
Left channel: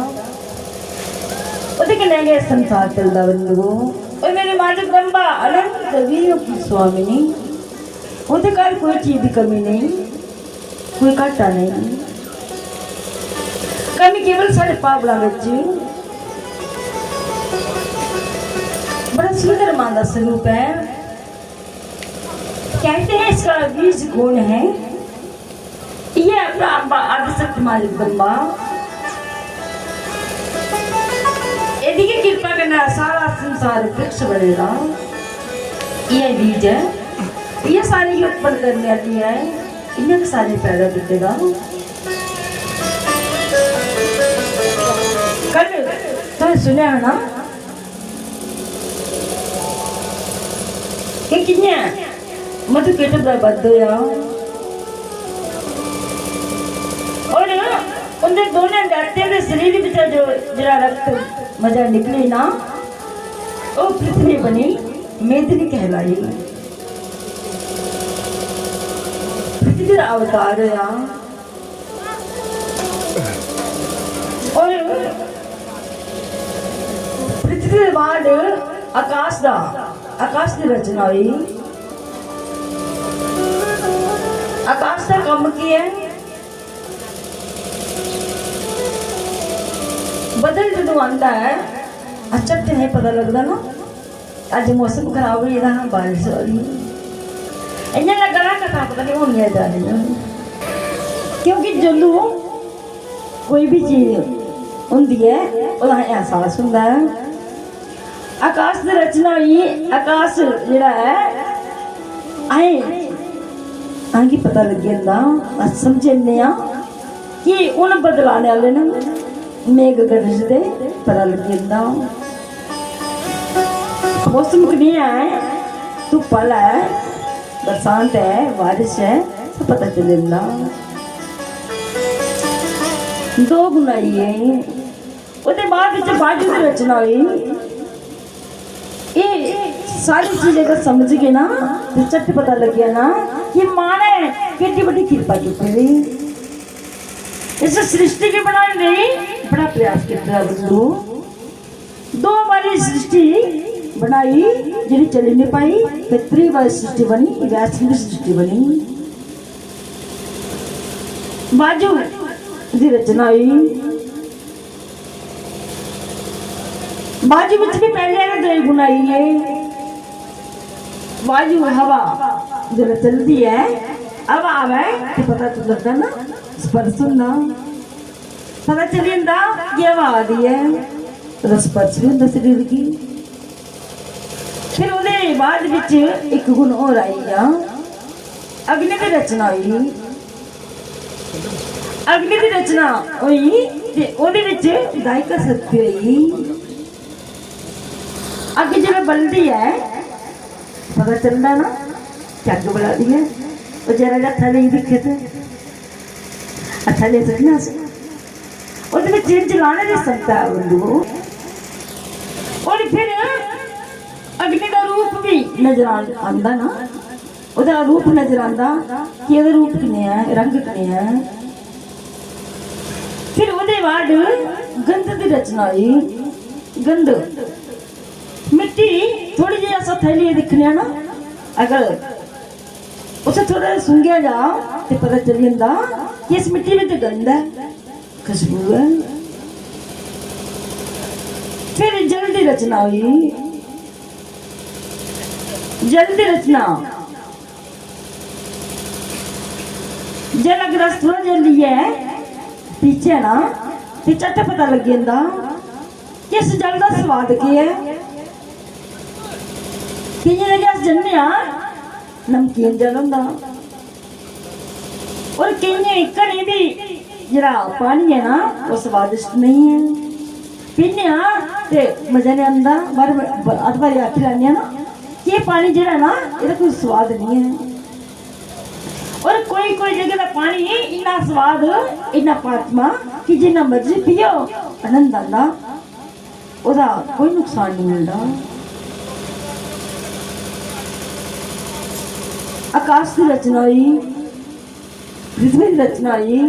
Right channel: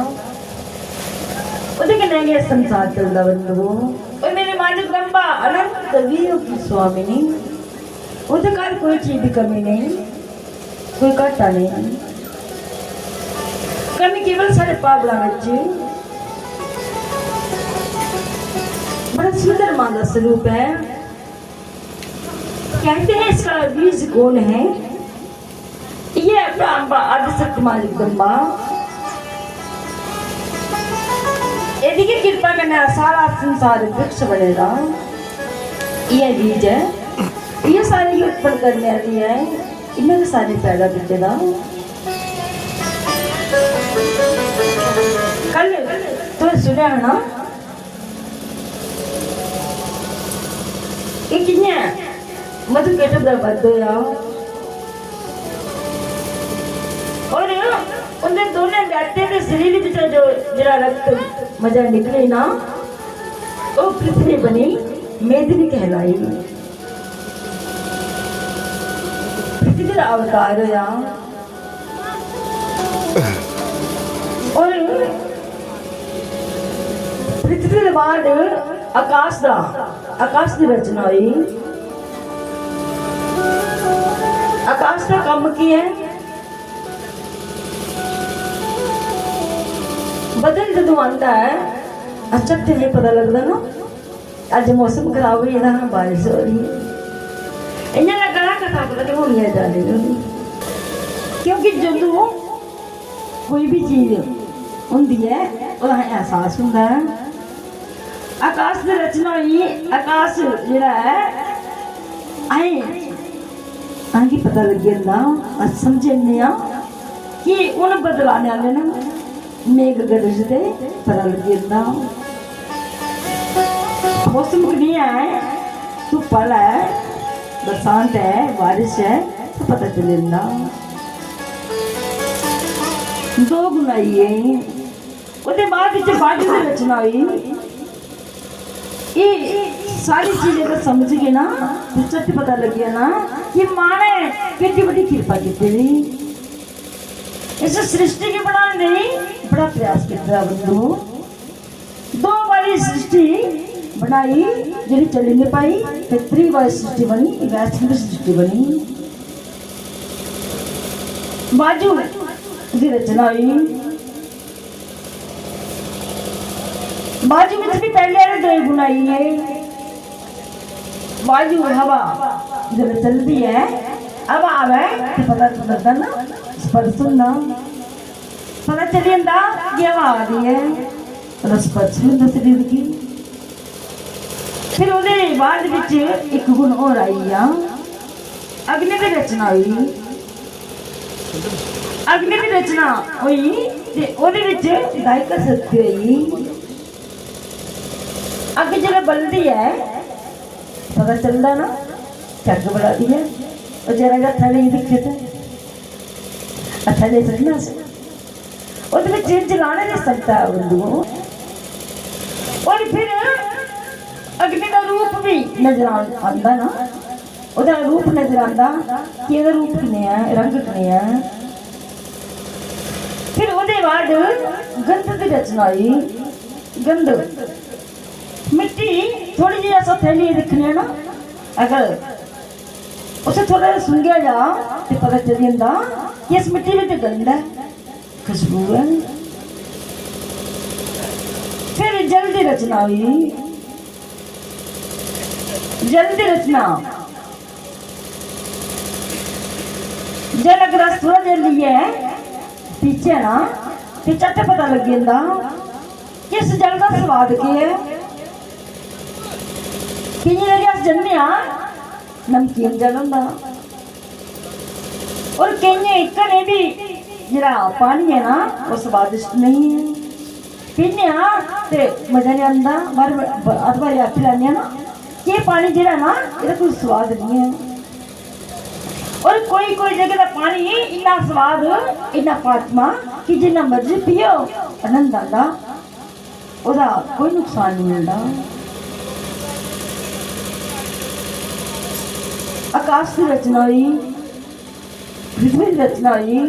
ਉਹਦੇ कन्नै ये संसार चलता बंधुओं। और मेरे मां जगदंबा अनंत वीर्यों की स्वामिनी। ਉਹਦੇ घर कोई चीज की कमी नहीं, कोई घाटा नहीं। कमी केवल साढ़े पागलों में। बड़ा सुंदर मां का स्वरूप है। कहते हैं इसका बीज गुण है। ये आदिशक्ति मां जगदंबा यदि की कृपा करना सारा संसार वृक्ष बनेगा। ये बीज है, ये सारे उत्पन्न करने वाली है। इन्हें सारे पैदा करेगा। कल तो सुने है ना कि किन्ने मधु केटू का बद होया और उनके दोनों बैठते के शरीर में जो जरा रक्त मजा निकले ना तो पृथ्वी बनी, मेदिनी कहलाई। पृथ्वी का अवतार होया और पृथ्वी के बाद आकाश की रचना हुई। आकाश का काम की है बदल जो आता है अचट नहीं पता लगता ना। अज मौसम खराब हो जाता, बारिश हो रही है। इन्हें लगना कथा पता नहीं होनी है जाने, क्योंकि जो कोई भी चीज होंगी है वह एहसास होता है। आकाश की रचना हुई। आकाश जरा है आगे पता लग जाता, समझने कि उन बदलाने वाले ने मेघ गरजते पता लग जाता। मौसम नहीं है, धुप वाला है, बरसात है, बारिश है, सब पता चल जाता। दो गुनाई है। उसके बाद बाजू की रचना हुई। ये सारी चीजें अगर समझ गए ना तो चट पता लग गया ना कि मां ने कितनी बड़ी कृपा की थी। इस सृष्टि के बनाने बड़ा प्रयास किया। दो बारी सृष्टि बनाई जी चली नहीं पाई, फिर तीसरी बार सृष्टि बनी, वैष्णवी सृष्टि बनी। बाजू की रचना हुई। बाजू में भी पहले दो बुनाई है। बाजू हवा जब चलती है, अब आवे तो पता तो लगता ना, स्पर्श सुनना पता चल जाता कि हवा आ रही है, तो स्पर्श भी होता शरीर की। फिर उन्हें बाद विच एक गुण और आई अग्नि की रचना हुई। अग्नि की रचना हुई ते ओदे विच गायिका शक्ति रही। अग जरा बलदी है पता चलता ना, झग बड़ा दी है और जरा जरा थले दिखे थे थले चढ़ना से ਉਹਦੇ ਵਿੱਚ ਇੰਜ ਲਾਣੇ ਨਹੀਂ ਸਕਦਾ ਬੰਦੂ और फिर अग्नि का रूप भी नजर आंदा ना ਉਹਦਾ रूप नजर आंदा कि ਇਹਦਾ रूप किने है रंग किने है फिर ਉਹਦੇ ਬਾਅਦ गंध ਦੀ रचना आई गंध मिट्टी थोड़ी जी ऐसा थैली दिखनी है ना अगर उसे थोड़ा सूंघिया जा तो पता चल जाता कि इस मिट्टी में तो गंध है खुशबू है फिर जल्दी रचना हुई जल्दी रचना जल अगर थोड़ा जल्दी है पीछे ना तो चट पता लग जाता कि इस जल का स्वाद की है कि ये जन्ने नमकीन जल होंदा और कई घने भी जरा पानी है ना वो स्वादिष्ट नहीं है पीने ते मजा नहीं आंदा पर अथवा याद लाने ना कि पानी जरा ना इसका कोई स्वाद नहीं है और कोई जगह का पानी इतना स्वाद इतना पात्मा कि जिन्ना मर्जी पियो आनंद आंदा ओदा कोई नुकसान नहीं मिलता आकाश की रचना हुई पृथ्वी की रचना हुई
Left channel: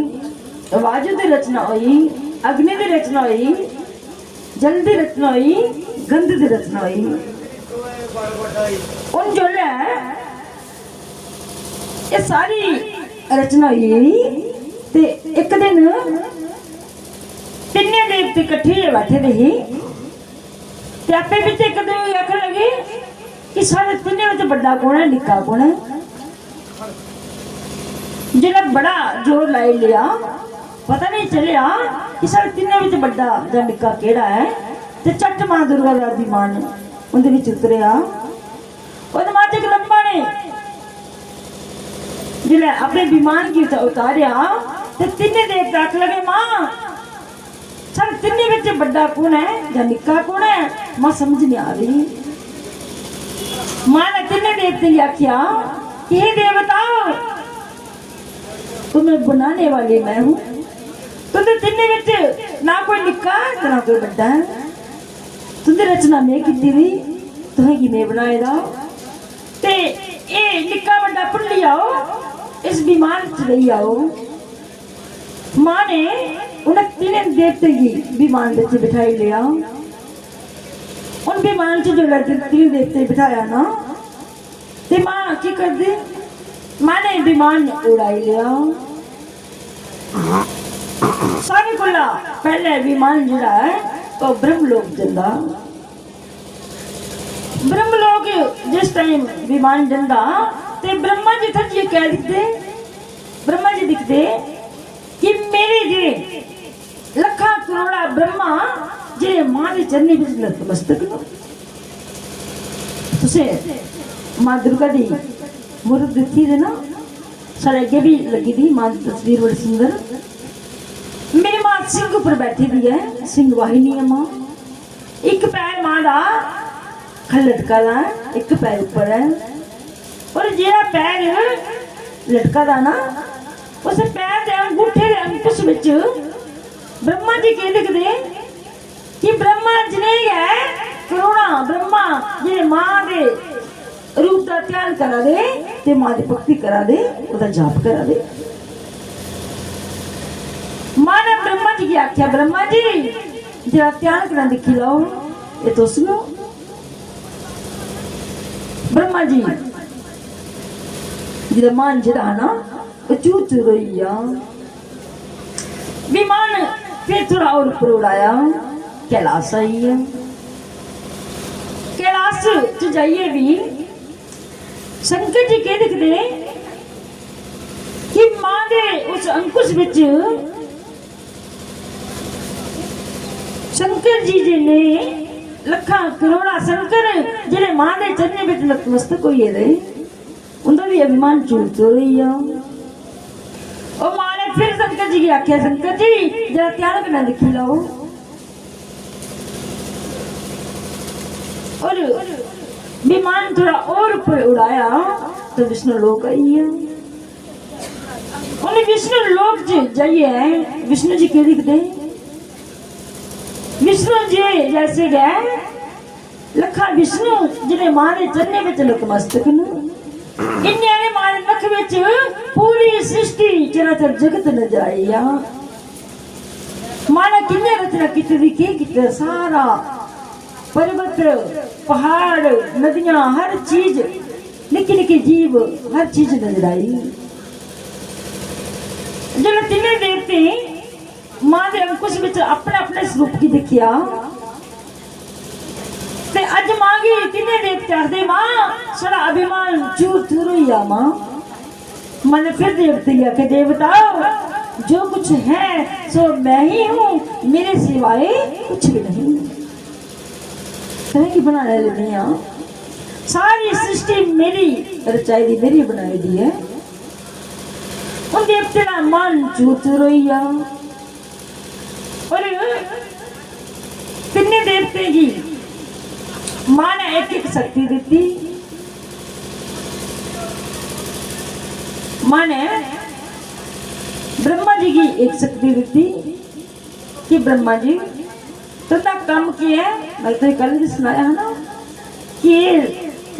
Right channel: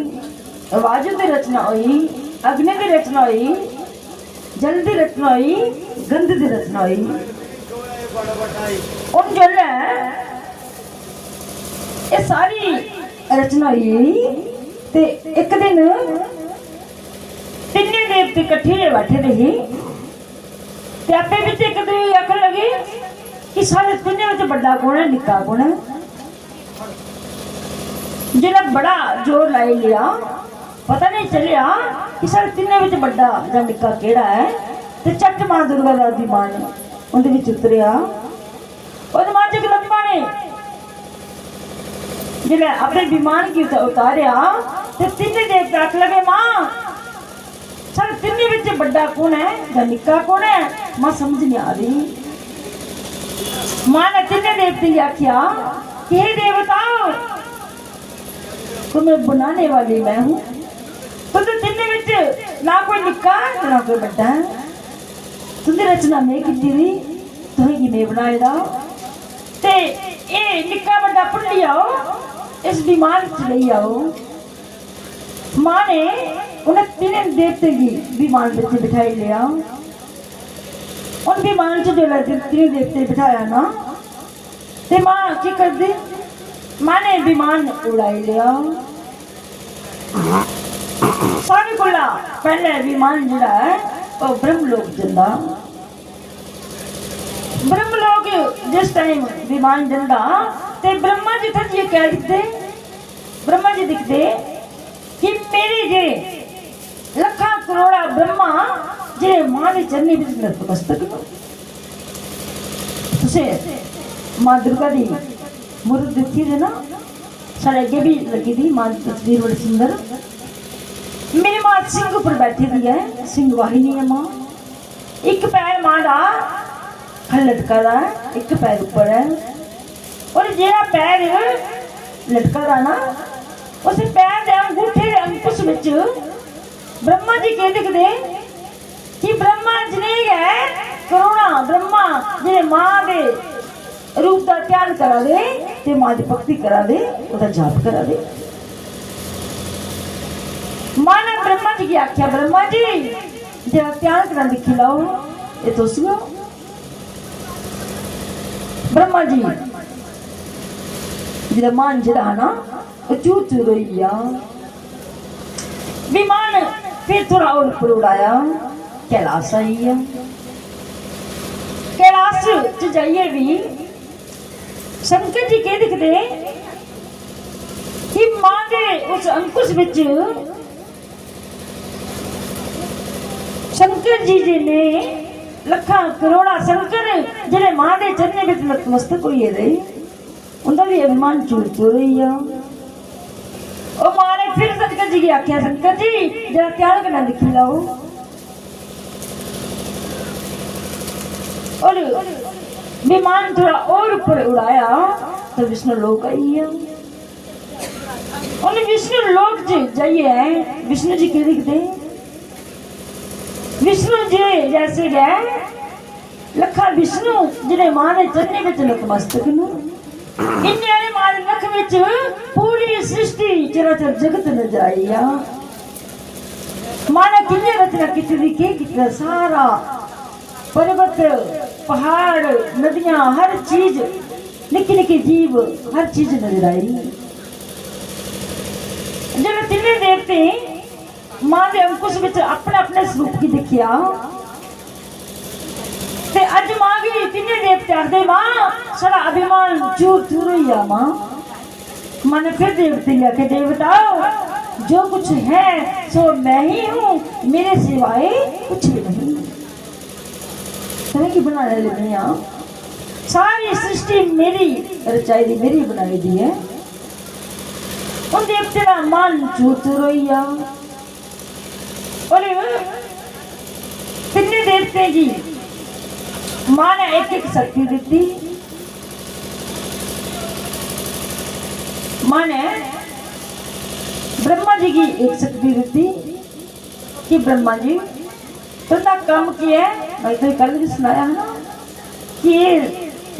वायु की रचना हुई अग्नि की रचना हुई जल की रचना हुई गंध की रचना हुई और जल है ये सारी रचना हुई ते एक दिन तिन्ने देवते इकट्ठे बैठे रहे ते आपे विच एक दूसरे आखन लगे कि सारे तिन्ने विच बड़ा कौन है निक्का कौन है जिन्हें बड़ा जोर लाई लिया पता नहीं चलिया कि सारे तिन्ने विच बड़ा जां निक्का केड़ा है ते चट मां दुर्गा दा विमान उंदे विच उतरिया और मां जगदंबा ने जिले अपने विमान की उतारिया ते तिन्ने देवता आख लगे मां सारे तिन्ने विच बड़ा कौन है जां निक्का कौन है मां समझ नहीं आ रही मां ने तिन्ने देवते ने आख्या कि हे देवताओ तुम्हें बनाने वाली मैं हूं तुमने तिन्ने विच ना कोई निक्का ना कोई बड़ा है तुमने रचना में की थी तुम्हें कि मैं बनाएगा ते ए निक्का बड़ा पुल्ली आओ इस विमान च रही आओ मां ने उन्हें तीन देवते की विमान में बिठाई लिया उन विमान च जो तीन देवते बिठाया ना ते मां की कर दी मां ने विमान उड़ाई लिया सारे कोला पहले विमान जिहड़ा है वो ब्रह्मलोक जंदा ब्रह्मलोक जिस टाइम विमान जंदा ते ब्रह्मा जी थे जी कह दिखते ब्रह्मा जी दिखते कि मेरे जे लखा करोड़ा ब्रह्मा जे मां दे चरनी विच नतमस्तक तुसे मां दुर्गा दी मूर्त दिखी थी ना साढ़े अगे भी लगी थी मां की तस्वीर बड़ी सुंदर मेरी मां सिंह पर बैठी दी है सिंह वाहिनी है मां एक पैर मां दा लटका दा एक पैर ऊपर है और जेड़ा पैर लटका दा ना उस पैर दे अंगूठे दे अंकुश विच ब्रह्मा जी कह दिखदे कि ब्रह्मा जी है करुणा ब्रह्मा जे मां दे रूप का त्याग करा दे ते मां की भक्ति करा दे ओदा जाप करा दे मां ने ब्रह्मा जी की आख्या ब्रह्मा जी जरा त्याग करना दिखी लाओ ये तो सुनो ब्रह्मा जी जरा मान जरा ना चूर चूर रोइया विमान फिर थोड़ा और ऊपर उड़ाया कैलाश आई है कैलाश च जाइए भी शंकर जी कह दिखते कि मां दे उस अंकुश विच शंकर जी ने लखा करोड़ा शंकर जेडे मां दे चरने विच नतमस्तक होइए दे उनका भी अभिमान चूरते रही है और मां ने फिर शंकर जी की आख्या शंकर जी जरा त्याग करना दिखी लाओ और विमान थोड़ा और ऊपर उड़ाया तो विष्णु लोक आई है उन्हें विष्णु लोक जाइए है विष्णु जी कह दिखते विष्णु जी जैसे गए लखा विष्णु जिन्हें मां ने चरने में चलो मस्तक इन्हें मारे मुख विच पूरी सृष्टि चराचर जगत नजर आई मां ने किन्ने रचना की सारा पर्वत पहाड़ नदियां हर चीज निकी निकी जीव हर चीज नजर आई जो तिने देवते मां ने अंकुश विच अपने अपने स्वरूप की दिखिया ते अज मां भी तिने देवते आखदे मां सारा अभिमान चूर चूर होई आ मां ने फिर देवते आके देवता जो कुछ है सो मैं ही हूँ मेरे सिवाय कुछ भी नहीं की बना लेनी सारी सृष्टि मेरी रचाई दी मेरी बनाई दी है और देवते का मन चूर चूर होई आ और तिन्ने देवते की मां ने एक एक शक्ति दी मां ने ब्रह्मा जी की एक शक्ति दी कि ब्रह्मा जी तुमने काम किया मैं तो कल भी सुनाया है ना कि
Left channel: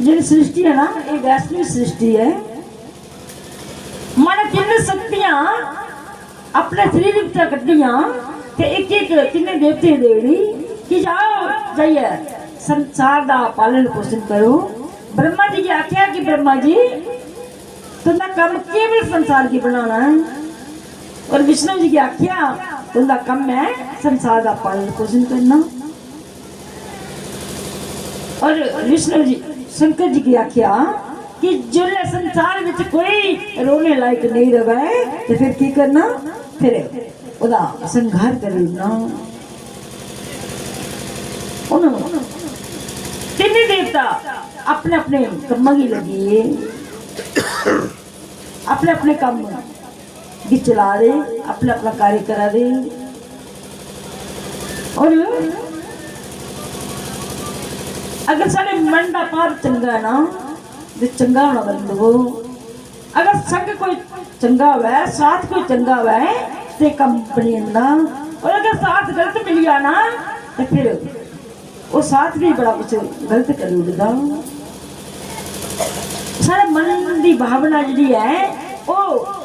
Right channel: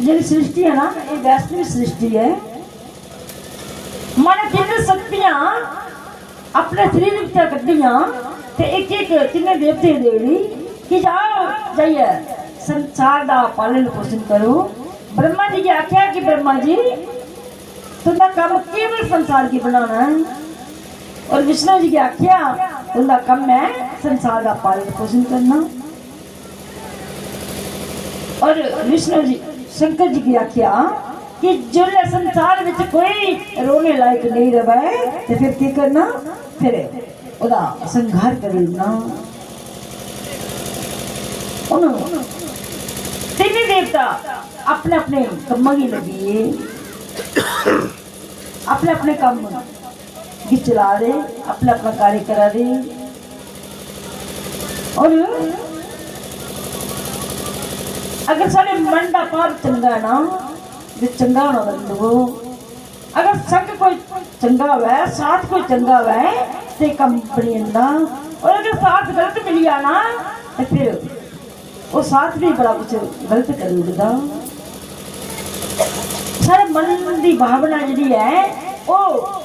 ये सृष्टि है ना ये वैष्णव सृष्टि है मां ने तीन शक्तियां अपने शरीर में कटिया एक एक तीन देवते देवी कि जाओ जाइए संसार का पालन पोषण करो ब्रह्मा जी की आख्या कि ब्रह्मा जी तुमने काम केवल संसार की बनाना है और विष्णु जी की आख्या तुमका काम है संसार का पालन पोषण करना और विष्णु जी शंकर जी की आख्या कि जो संसार में कोई रोने लायक नहीं रहे तो फिर की करना फिर ओदा संघार करना तीन देवता अपने अपने कम्मा की लगी अपने अपने काम भी चला रहे अपना अपना कार्य करा रहे और अगर सारे मन का भाव चंगा है ना तो चंगा होना बंदो अगर संग कोई चंगा हुआ साथ कोई हुआ तो कम बनी जाता और अगर साथ गलत मिल गया ना तो फिर वो साथ भी बड़ा कुछ गलत कर उड़ता सारे मन की भावना जी है वो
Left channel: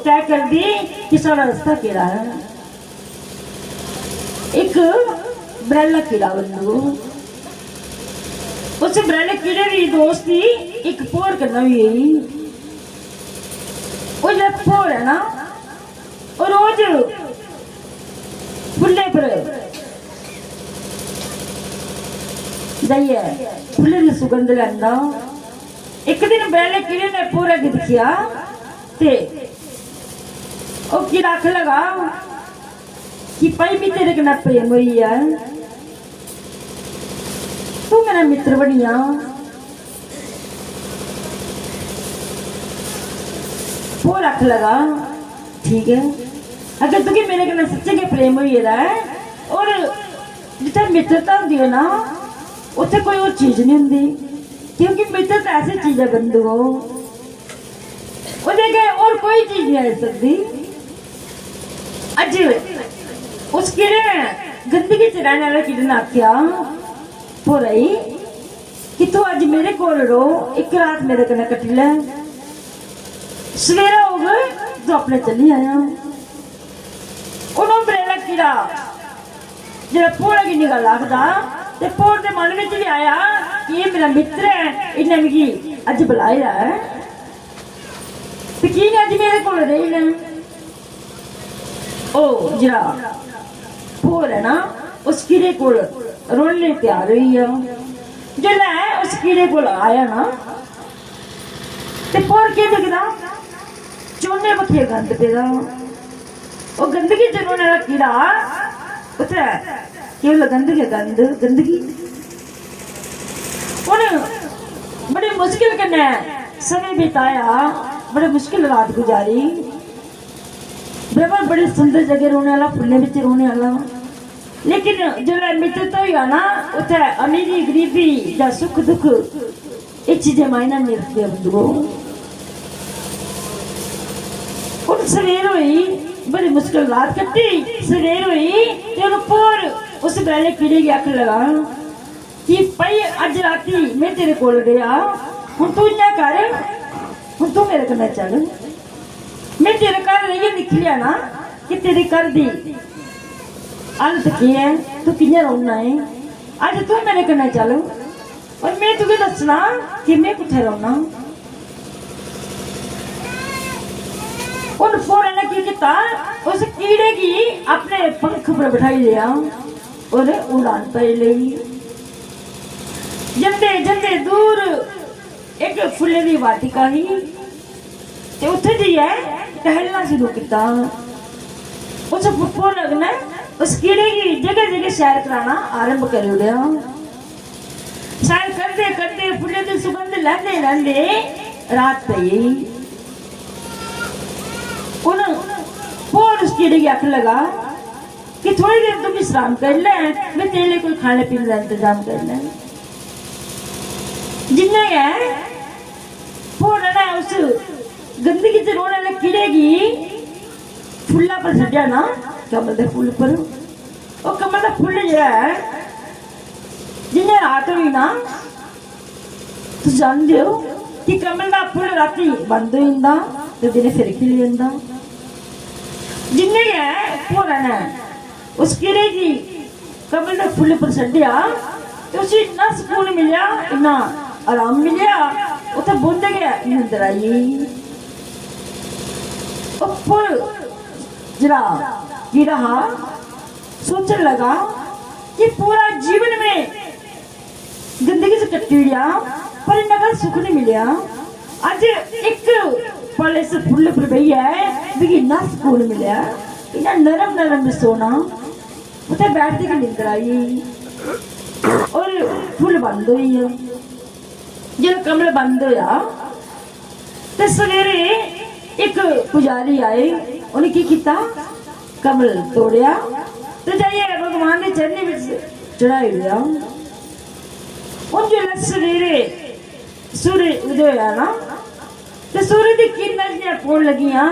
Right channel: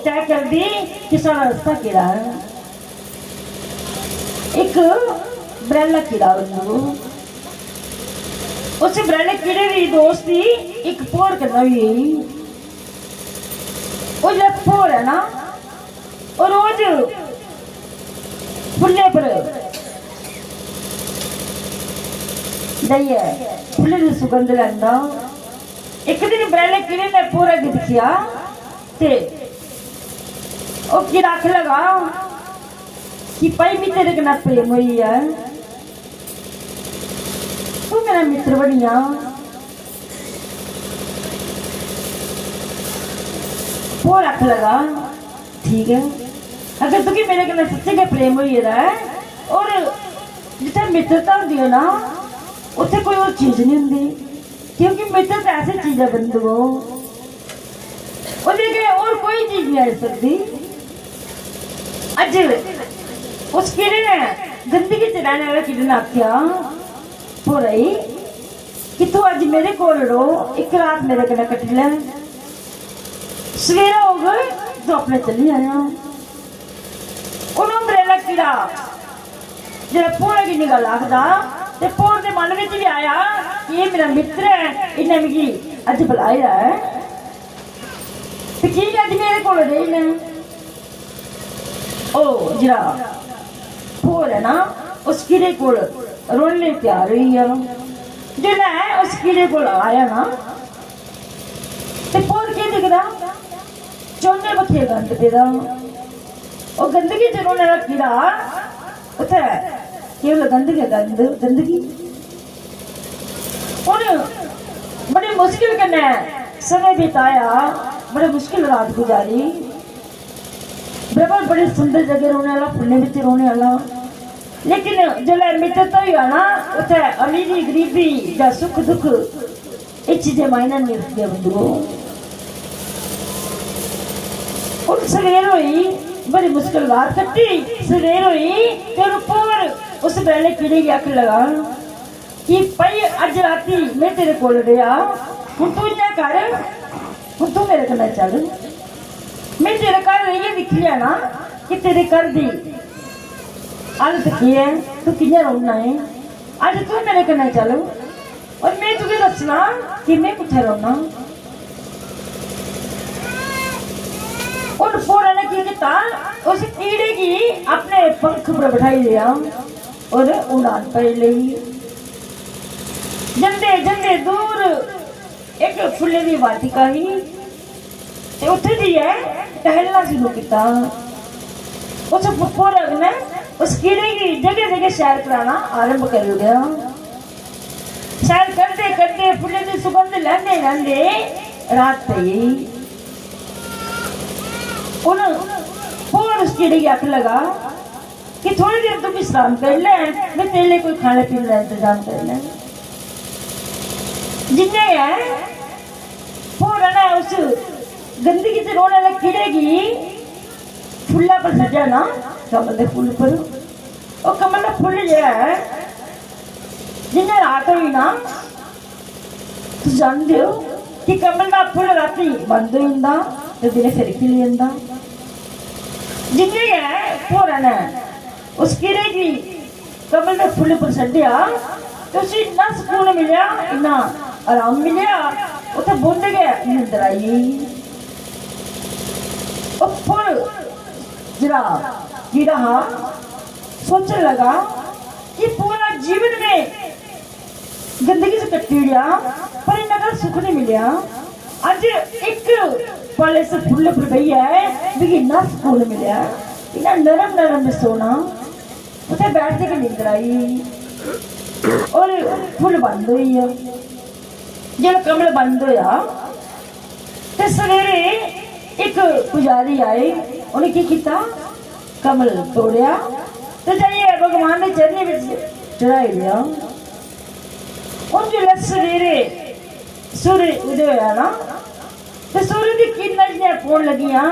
तय कर दी कि सारा रास्ता केड़ा है एक बरेला कीड़ा बंदो उस बरेले कीड़े की दोस्ती एक पोड़ करना हुई वो जो पोड़ है ना और रोज फुले पर जाइए फुले की सुगंध लेंदा एक दिन बरेले कीड़े ने पूरा दिखिया ते ओ की रख लगा कि पई भी तेरे कना प्रेम हुई है तू मेरा मित्र बनिया वो रख लगा ठीक है अगर तुझे मेरे कना सच्चे का प्रेम हुई है और जितना मित्रता होती है ना उत्थे कोई और चीज नहीं होती क्योंकि मित्रता ऐसी चीज है बंधु और कोई चीज नहीं आ सकती अज उस कीड़े ने गंदगी च रहने वाले कीड़े ने आख्या हो रही कि तू अज मेरे कोल रो एक रात मेरे कने कट ले सवेरा हो गए तो अपने चली आया उन्होंने बरेला कीड़ा जो पूरे की निगाह लगता ते पोर दे मन में भी आया कि ये मेरा मित्र है इन्हें मुझे अज बुलाया है तो की अज मेरे को रही ने ओ जरा पोर है ना उस कीड़े को रोने तैयार हुई है जो ना उस कीड़े को आया ना ते पोर के दिखदा चोने बखे गंद पेदा ओ गंदगी च रोने वाला कीड़ा उथे केवल गंदगी और बड़ी मुश्किल कन्ने समय बिताया बड़े मुश्किल रात गुजारी ब्रह्मा बड़ी सुंदर जगह रोने वाला फुले बिच रोने वाला लेकिन जो मित्रता ही है ना उथे अमीरी गरीबी या सुख दुख ये चीजें मायना नहीं रखती है बंधुओं और सवेर हुई बड़ी मुश्किल रात कटी सवेर हुई तो पोर उस वेले कीड़े की अख लगा कि भाई अज राती मैं तेरे कोल रहा हूं तू इन्ना कर हूं तू मेरे कन्नै चल मैं तेरे घर रहिए दिख लिया ना कि तेरे घर दी हालत की है तू कियां रौना है अज तू मेरे कन्नै चल और मैं तुझे दसना कि मैं कुत्थे रौना उन पूरे ने की किया उस कीड़े की अपने पंख पर बैठाई लिया और उड़ान पर ली जंदे जंदे दूर एक फुले की वाटिका ही ते उत्थे जी है टहलना शुरू किया उस फुफड़ ने उस कीड़े की जगह जगह सैर कराना आरंभ कर दिया सैर करते करते फुले की सुगंध लेंदे लेंदे रात पई उन फोन उस कीड़े की अख लगा कि थोड़ी देर तू विश्राम कर ले मैं तेरे लिए कोई खाने पीने का इंतजाम कर ले जिन्हें है फोड़ा ना उस गंदगी से रोने वाले कीड़े की फुल्ला पर सजा ना कमल के फुल पर और कमल का फुल जो है जिन्हें रात हुई ना तू जानते हो कि कमल का फुल राती बंद हो जाता तो दिन फिर खिल जाता जिन्हें है फोड़ा ने उस कीड़े की कमल के फुल पर सजा तो उसे इतना सुकून मिला इतना आराम मिलिया उसे बुंद गया निंदर आई और फुल जरा कीड़ा हाँ सोचने लगा कि पूरा जीवन में जिंदगी से कट लिया पर इनका सुख नहीं मिला आज एक पल से फुल पर गई है भी इतना सुकून मिला इतना नरम नरम में सोना उसे बैठने की नींद आई और फुल बंद हुई है जब कमल बंद होया तो सवेरे एक पुजारी आए उन्हें की किया कमल तोड़िया तो जाइए भगवान ने चरने में चढ़ाई लिया उन जो सवेरे सूर्य उदय होया ना तो सूर्य की किरणें पौन लगियां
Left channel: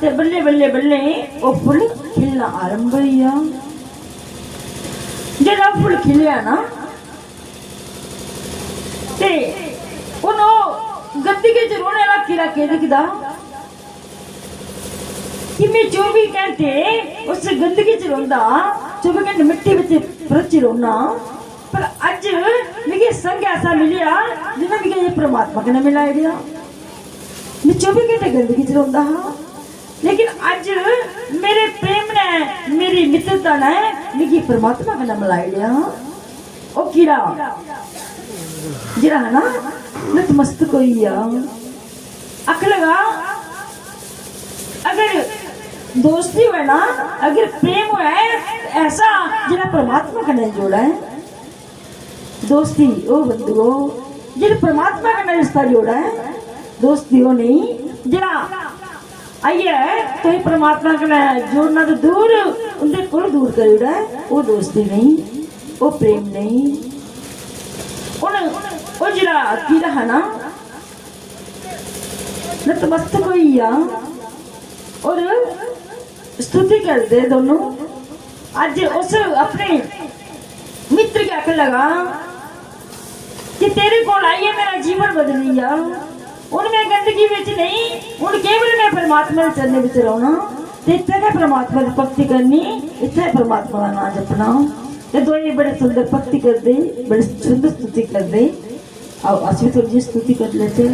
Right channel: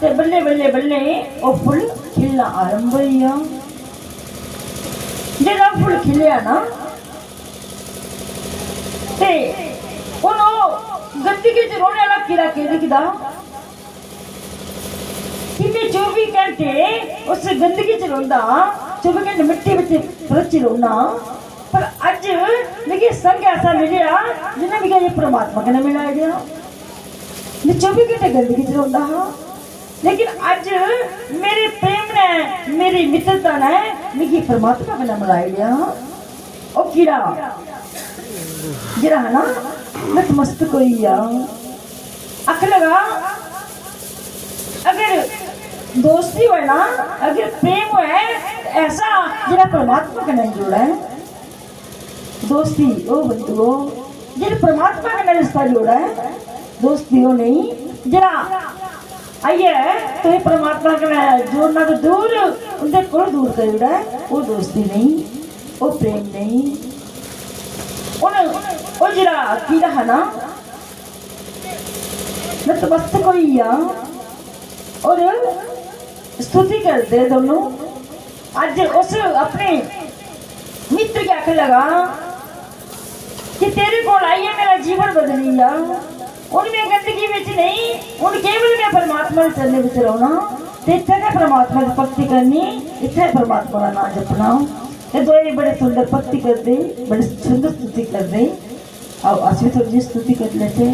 तो बल्ले बल्ले बल्ले वो फुल खिलना आरंभ हुई जरा फुल खिलिया ना ते गंदगी च रोने वाला कीड़ा कह दिखदा कि मैं 24 घंटे उस गंदगी च रोंदा 24 घंटे मिट्टी विच रच रोना पर अज मिगी संग ऐसा मिलिया जिन्हें मिगी परमात्मा कन्नै मिलाई दिया मैं 24 घंटे गंदगी च रोंदा हाँ लेकिन अज मेरे प्रेम ने मेरी मित्रता ने मिगी परमात्मा कन्नै मिलाई दिया ओ कीड़ा जरा है ना नतमस्तक हुई अख लगा अगर दोस्ती हो ना अगर प्रेम है ऐसा जरा परमात्मा का नहीं जोड़ा है दोस्ती ओ बंधुओ जिन परमात्मा का रिश्ता जोड़ा है दोस्ती हो नहीं जरा आइए तो परमात्मा का जोड़ना तो दूर उनसे को दूर कर जोड़ा है वो दोस्ती नहीं वो प्रेम नहीं वो जरा कीड़ा है ना नतमस्तक हुई और स्तुति करते दोनों आज उस अपने मित्र के आख लगा कि तेरे को आइए मेरा जीवन बदल लिया उनमें गंदगी में नहीं उन केवल में परमात्मा के चरने में रहना इतने के परमात्मा की भक्ति करनी इतने परमात्मा का नाम जपना ये दो बड़े सुंदर भक्ति कर दे बड़े सुंदर स्तुति कर दे और आज भी थोड़ी स्तुति कर लेते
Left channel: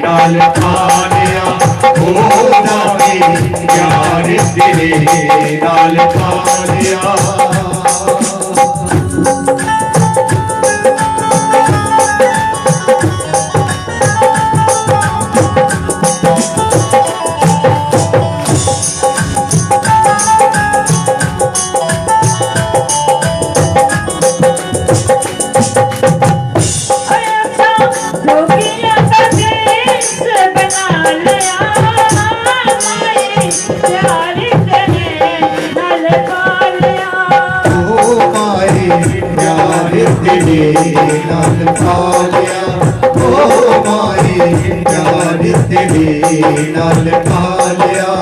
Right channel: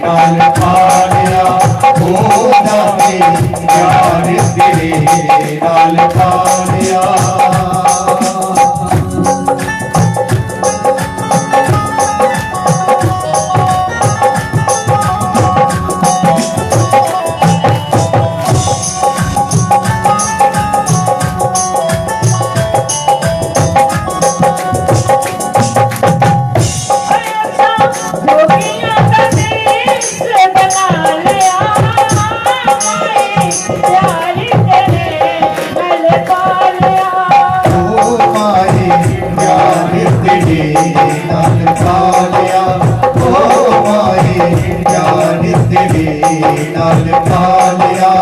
नाल खानिया ओ दानी यार तेरे नाल खानिया प्यार तेरे नल पालिया ओ माए प्यार तेरे नाल पालिया ओ माए प्यार तेरे नाल पालिया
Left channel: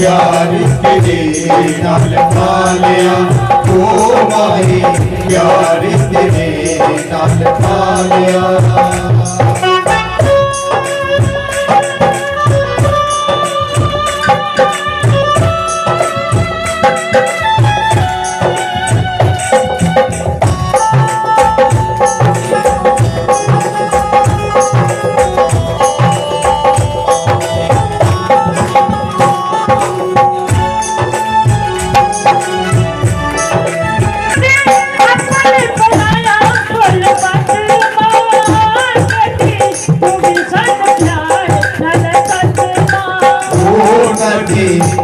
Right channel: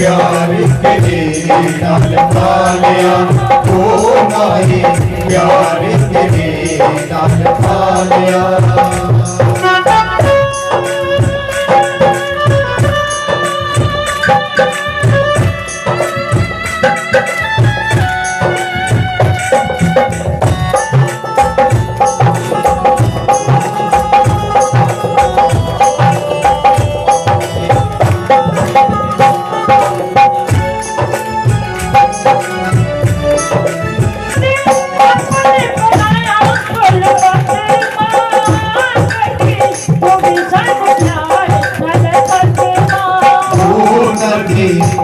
प्यार तेरे नाल पालिया ओ माए प्यार तेरे नाल पालिया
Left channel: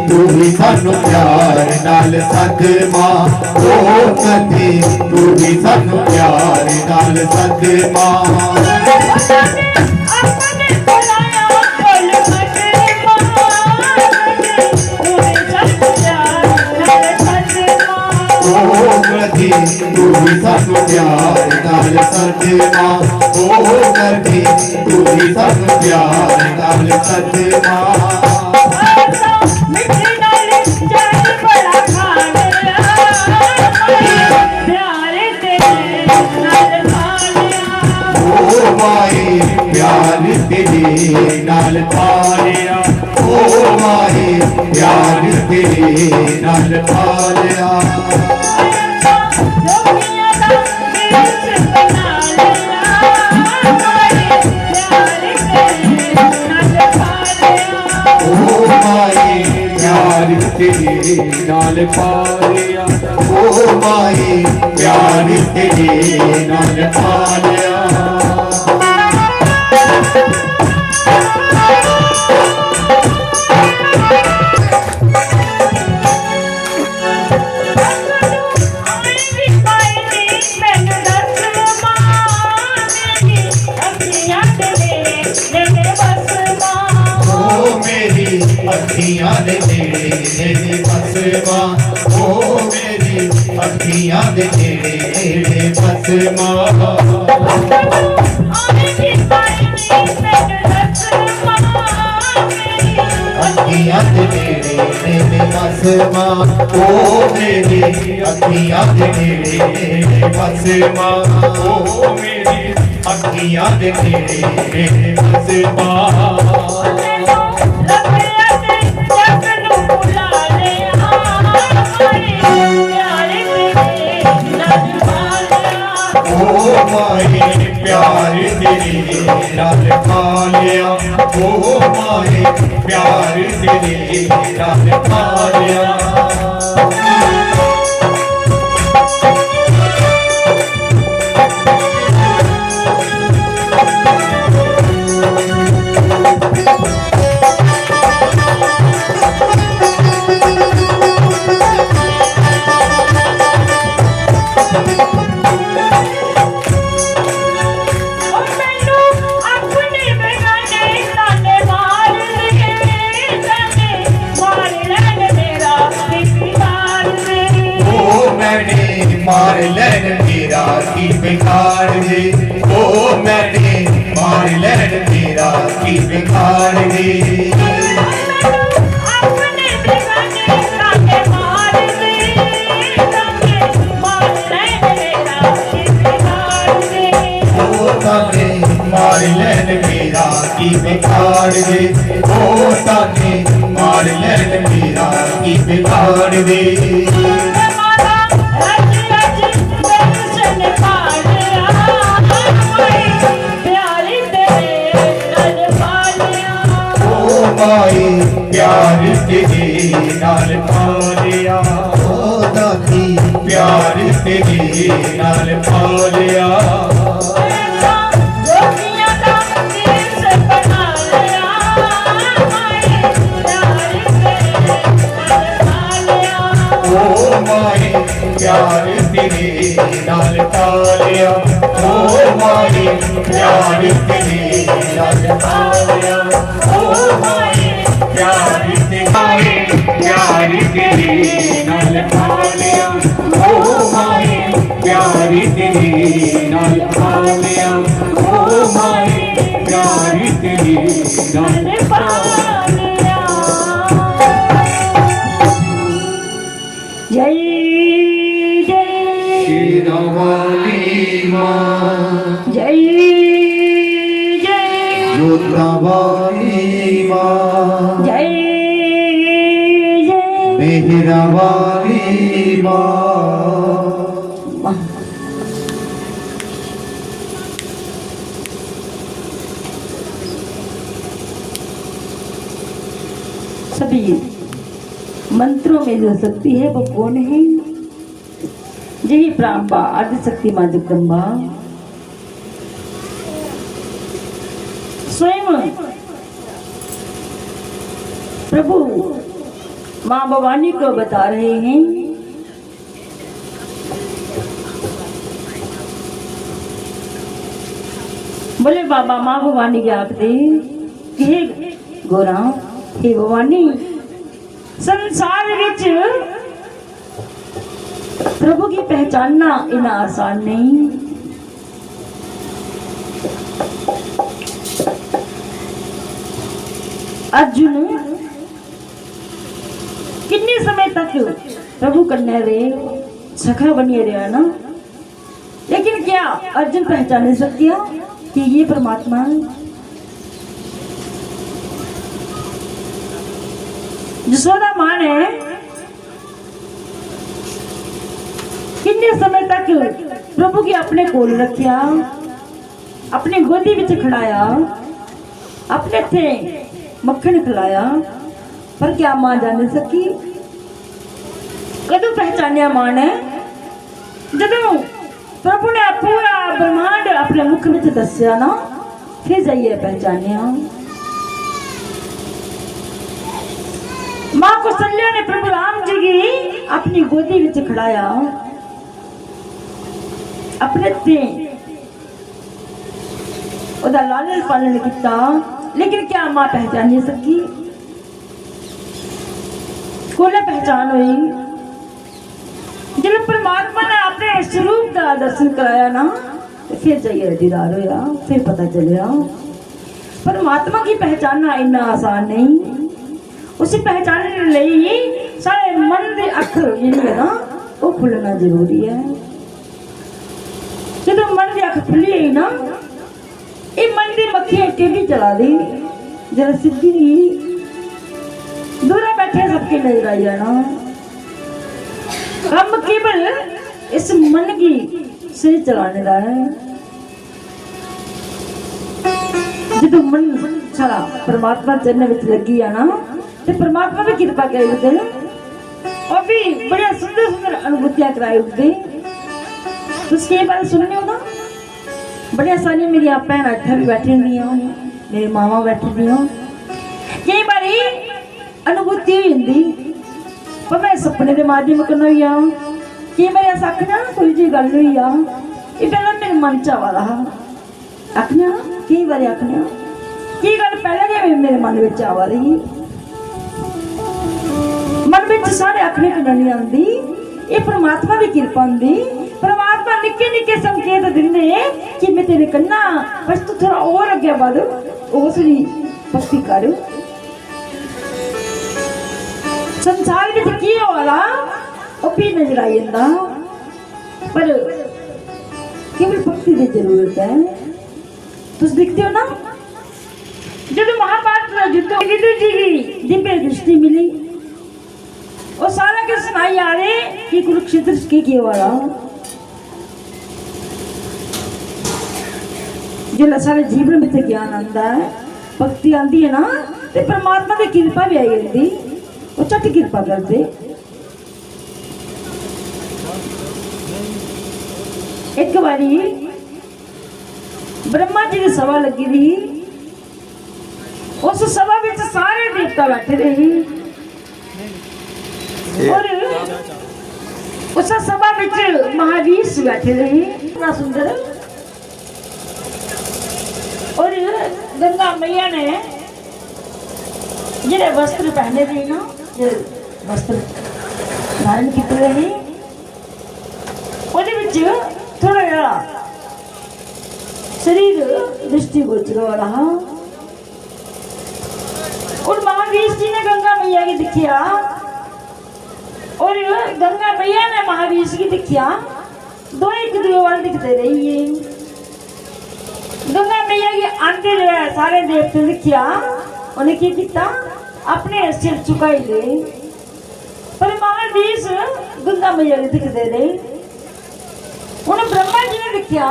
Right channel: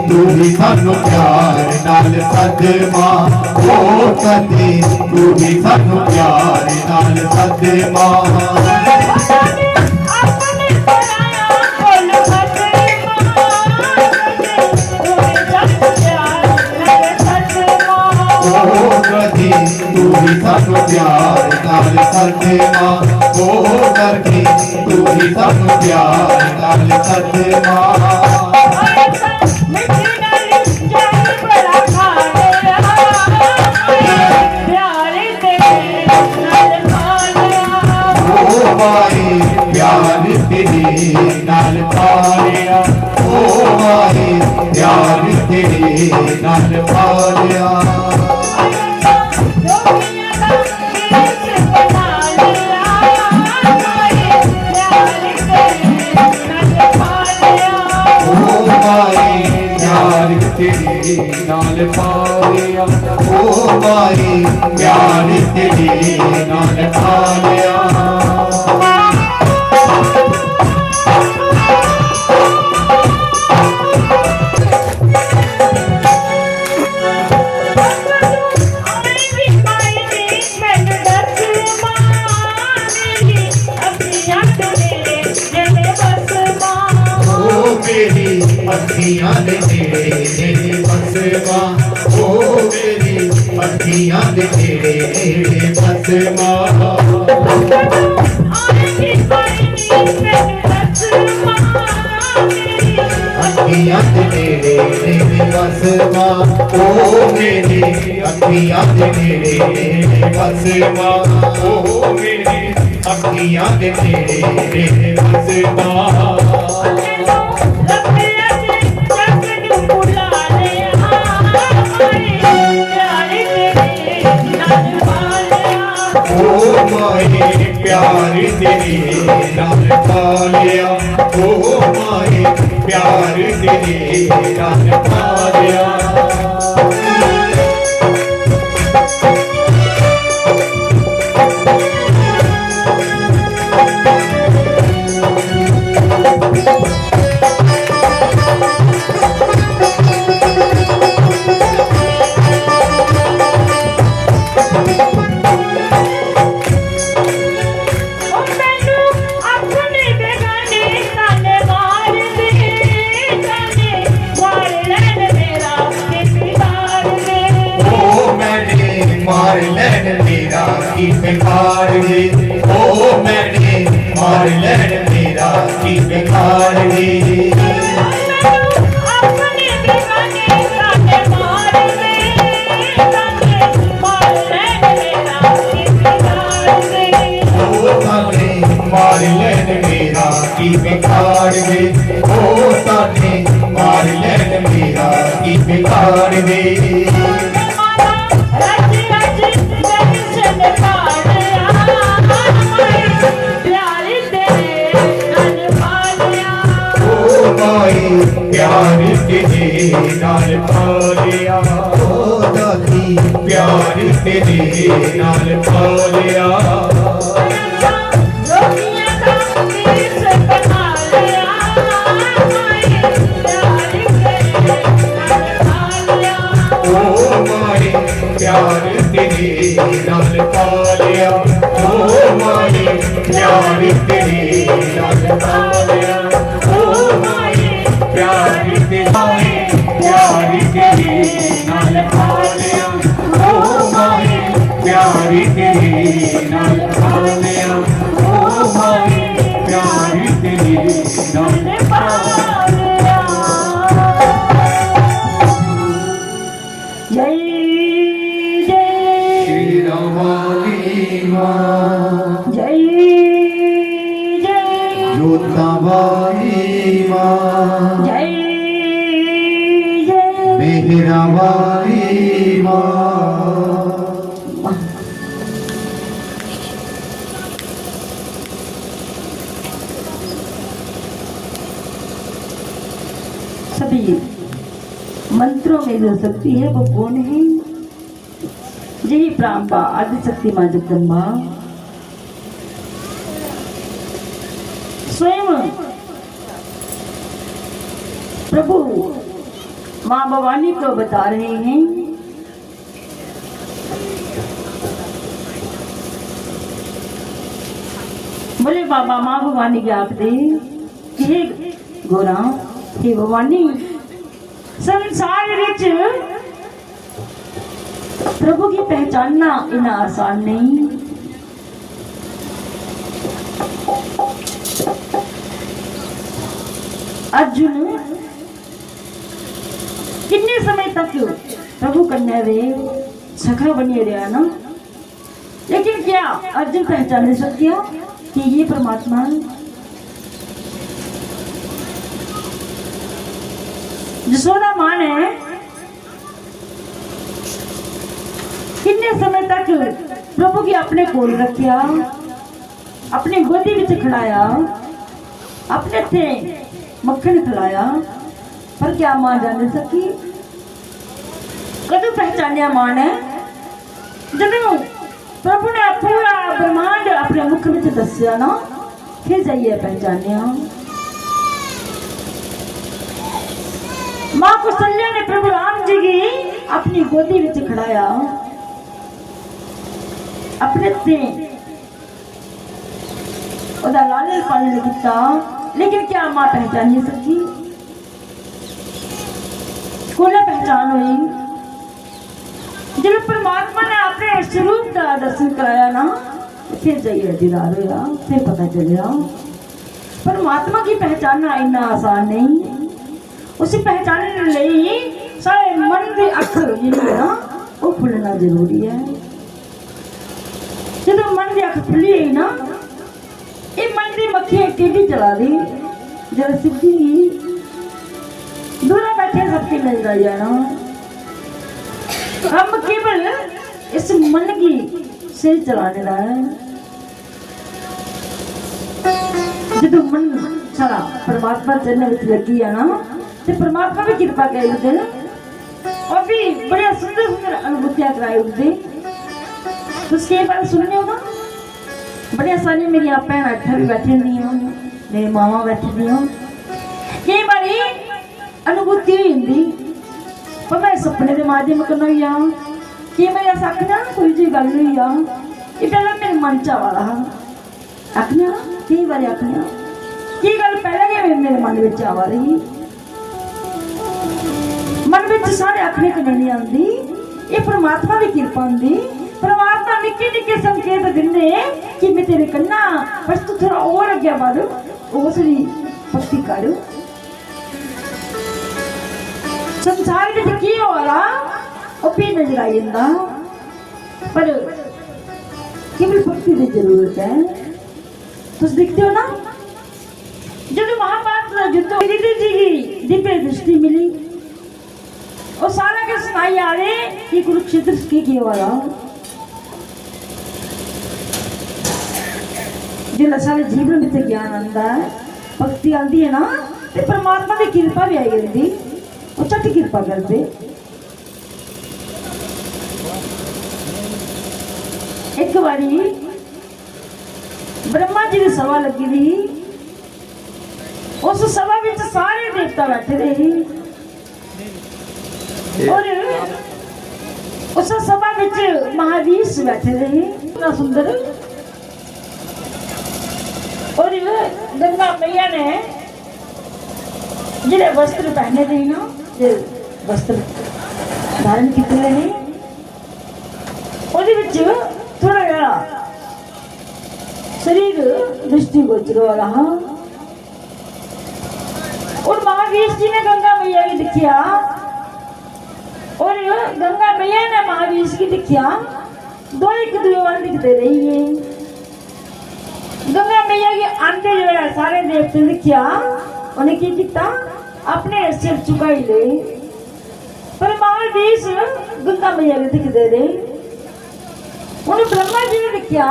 तू भी सानू प्यार नाल सदमा ओ कदी तू भी सानू प्यार नाल सदमा कदी तू भी सानू प्यार नाल सदमा ओ कदी तू भी सानू प्यार नाल सदमा प्यार तेरे नाल पालिया ओ माए प्यार तेरे नाल पालिया ओ माए प्यार तेरे नाल पालिया ओ माए प्यार तेरे नाल पालिया अखियां दे नेड़े नेड़े बसमा ओ मेरी अखियां दे नेड़े नेड़े बसमा अखियां दे नेड़े नेड़े बसमा ओ मेरी अखियां दे नेड़े नेड़े बसमा ओ मेरी अखियां दे नेड़े नेड़े बसमा प्यार तेरे नाल पालिया ओ माए प्यार तेरे नाल पालिया मार लैन मेरा की बिगाड़ दे, ओ मैंने मार लैन मेरा की बिगाड़ दे। अपने बेगाने ताने मार दे, ताने मार लैन मेरा की बिगाड़ दे। ओ ताने मार लैन मेरा की बिगाड़ दे, ओ ताने मार लैन मेरा की बिगाड़ दे। प्यार तेरे नाल पालिया, ओ दादी प्यार तेरे नाल पालिया। जोगिया दा मीस बना लिया, प्यार तेरे नाल पालिया। ओ माए प्यार तेरे नाल पालिया, ओ माए प्यार तेरे नाल पालिया, ओ माए प्यार तेरे नाल पालिया, ओ माए प्यार तेरे नाल पालिया, ओ माए प्यार तेरे नाल पालिया। जय जय शेरावाली माँ, जय जय योद्धावाली माँ, जय जय मेहरावाली माँ। सभी मंत्रों में जो शक्ति है वो कौन है? यही प्रांबा आदिशक्ति माँ जगदम्बा स्वयं प्रभु माँ भवानी को बता रहे हैं। बोले बाबा माँ भवानी के आप दे कि हे गोरा, हे भवानी, संसार विच प्रभु की पहचानना इना आसान नहीं। अर्जुन कितने समय तक प्रभु कन्या रे सखा बनिए रहा ना, लेकिन क्या अर्जुन पहचान सक गया कि ये परमात्मा है? यशोदा मां ने कितने समय तक प्रभु की अपने कोल रखिया, अपने गोदी विच खड़ाया, अपने थे मक्खन खिलाया, पर क्या मां जान सकी? कदों पहचानिया मां ने? जदों प्रभु ने पूरा ब्रह्मांड अपने मुख में दसिया ना, फिर जाइए पहचानिया। मां कौशल्या ने प्रभु राम जी की अपनी गोदी में खड़ाया, अपने ते ओदा लालन पालन किया, लेकिन क्या मां पहचान नहीं सकी? कोने पहचान हुई? जब परमात्मा ने अपने स्वरूप का दर्शन कराया ना, फिर जाइए दीदार होया, फिर पता चलिया परमात्मा की पहचानना इतना आसान नहीं। उसे पहचानने के लिए सारे मन के अख ना वो खुलना जरूरी है। जब मन की अख खुली है ना, ये मन की मक्खियां टेढ़ी चला दी, जब सीधी दूर बैठे सबके नजर आई जाना। हम केवल इस मन की से चलाने का है। जब मन सारा परमात्मा चलने में लगी है ना, तो परमात्मा भी कृपा करे उठे और भी बड़े सुंदर सुंदर अनुभूतियां कराए उठे। तो उसके बारे सुनने हो ना, बड़े आसानी मेरी आप भैन इत्थे भी बैठी हुंदी हो, मेरी मावा बैठी दी हो। कई बारी अनुभूति होई जंदी पर मैं सपने के माध्यम कन्नै होई आ कि मैं ऐसा आखना कोई जी गल होई आ ये पहले मेरे मन च आवा रहा आखना कई बारी आखना की गल पहले जी मेरे मन में आवा रही मन में सारे आखने को नहीं आती ये परमात्मा की कृपा होंगी। परमात्मा निक्के निक्के संकेत दिंदे कि मैं तेरे कन्ना बस तू थोड़ा और अगे बढ़ उसकी भक्ति कर। संसार में की हो रहा वो भी नजर आई जाता पर केवल भक्ति की जरूरत है। तुम देखते हो ना जब महाभारत युद्ध जी की दिव्य दृष्टि मिली वो सारा के सुनाई आ रहे कि कुरुक्षेत्र के किया वाला जो सारे जीवन में ज्ञान आता है भक्ति आती है ना तो परमात्मा की कृपा भी आई होती वो झट कृपा करते। एक बारी ब्रह्मा जी की सभा लगी थी उस सभा में सारे देवता बैठे रहे और उस सभा में महावीर बैठे रहे इतना सुंदर और गंगा मैया ने जिहड़े वस्त्र पहने थे ना जो वस्त्र धारण किए रहे थोड़ा जरा शरीर दृष्टिगोचर हो रहा और महावीर जी ने गंगा मैया की दिखिया और गंगा मैया ने महावीर की दिखिया दो एक दूसरे वाल दिखते रही है। गंगा मैया के आंटे जो है सारे देवते दिखिया उन्हें क्या दिखता अपने सिर झुकाई ले पर महावीर गंगा मैया के दिखते रहे। उन्हें ब्रह्मा जी ने दिखिया